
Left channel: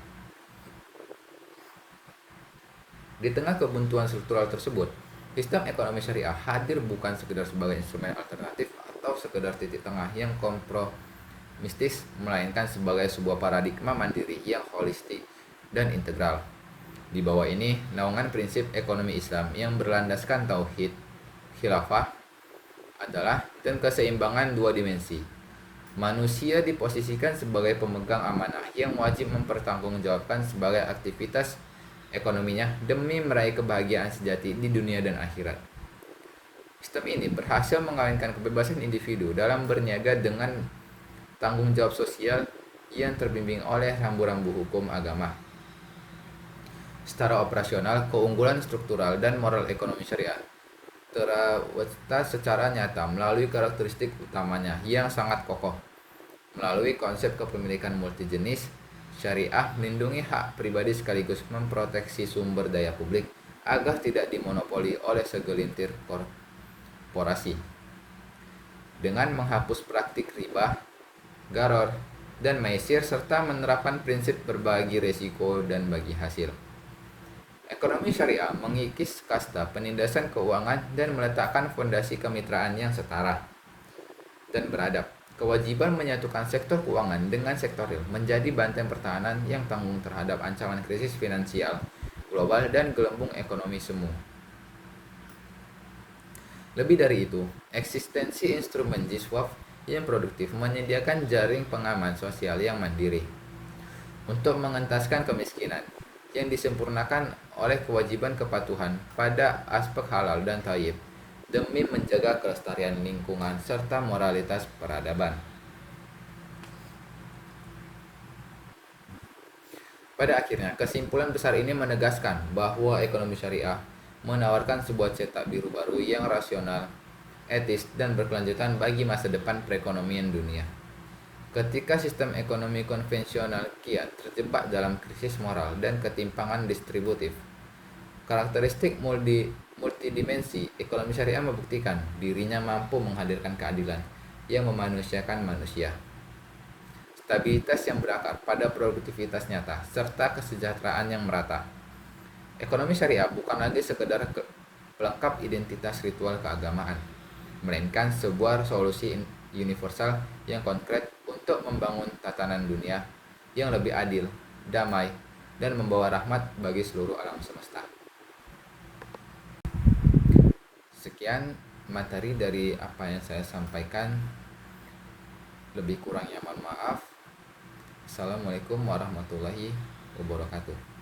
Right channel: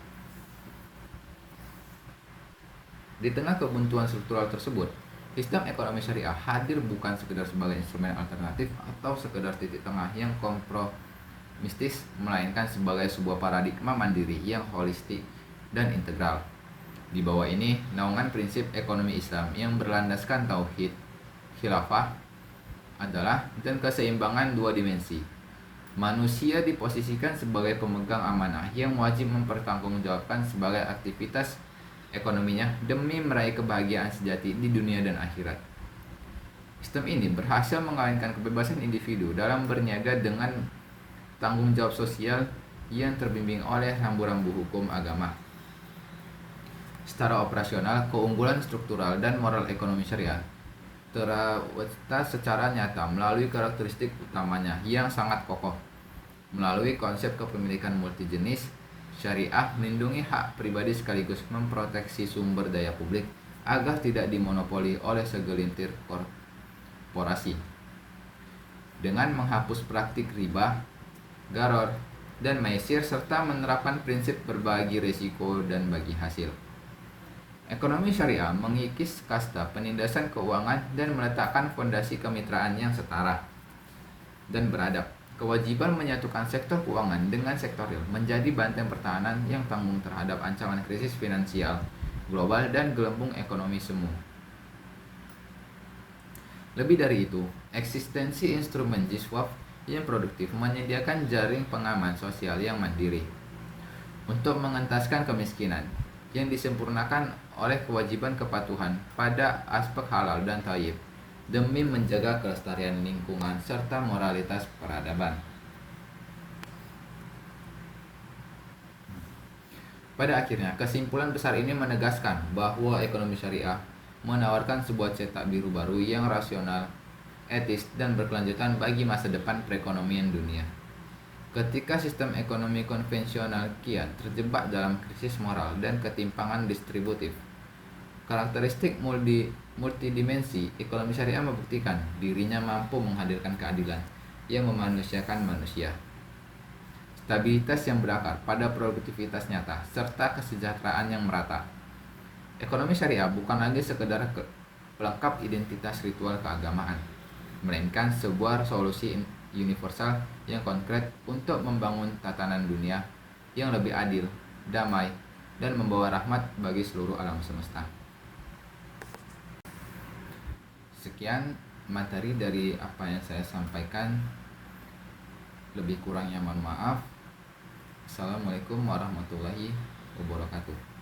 Di tengah kebuntuan struktural tersebut, sistem ekonomi syariah hadir bukan sekedar sebagai instrumen alternatif atau sekedar titik tengah yang kompromistis, melainkan sebagai sebuah paradigma mandiri yang holistik dan integral. Di bawah ini, naungan prinsip ekonomi Islam yang berlandaskan tauhid, khilafah, adalah dan keseimbangan dua dimensi. Manusia diposisikan sebagai pemegang amanah yang wajib mempertanggungjawabkan sebagai aktivitas ekonominya demi meraih kebahagiaan sejati di dunia dan akhirat. Sistem ini berhasil mengawinkan kebebasan individu dalam berniaga dengan tanggung jawab sosial yang terbimbing oleh rambu-rambu hukum agama. Secara operasional, keunggulan struktural dan moral ekonomi syariah terwujud secara nyata melalui karakteristik utamanya yang sangat kokoh. Melalui konsep kepemilikan multijenis, syariah melindungi hak pribadi sekaligus memproteksi sumber daya publik agar tidak dimonopoli oleh segelintir korporasi. Dengan menghapus praktik riba, gharar, dan maisir serta menerapkan prinsip berbagi risiko dan bagi hasil. Ekonomi syariah mengikis kasta penindasan keuangan dan meletakkan fondasi kemitraan yang setara dan beradab. Kewajiban menyatukan sektor keuangan dengan sektor real menjadi benteng pertahanan yang tangguh terhadap ancaman krisis finansial global dan gelembung ekonomi semu. Lebih dari itu, eksistensi instrumen jiswaf yang produktif menyediakan jaring pengaman sosial yang mandiri untuk mengentaskan kemiskinan yang disempurnakan oleh kewajiban kepatuhan pada aspek halal dan thayyib demi menjaga kelestarian lingkungan serta moralitas peradaban. Pada akhirnya, kesimpulan besar ini menegaskan bahwa ekonomi syariah menawarkan sebuah cetak biru baru yang rasional, etis, dan berkelanjutan bagi masa depan perekonomian dunia. Ketika sistem ekonomi konvensional kiat terjebak dalam krisis moral dan ketimpangan distributif, karakteristik multidimensi ekonomi syariah membuktikan dirinya mampu menghadirkan keadilan yang memanusiakan manusia, stabilitas yang berakar pada produktivitas nyata, serta kesejahteraan yang merata. Ekonomi syariah bukan lagi sekedar pelengkap identitas ritual keagamaan, melainkan sebuah solusi universal yang konkret untuk membangun tatanan dunia yang lebih adil, damai, dan membawa rahmat bagi seluruh alam semesta. Sekian materi dari apa yang saya sampaikan. Lebih kurangnya mohon maaf. Assalamualaikum warahmatullahi wabarakatuh.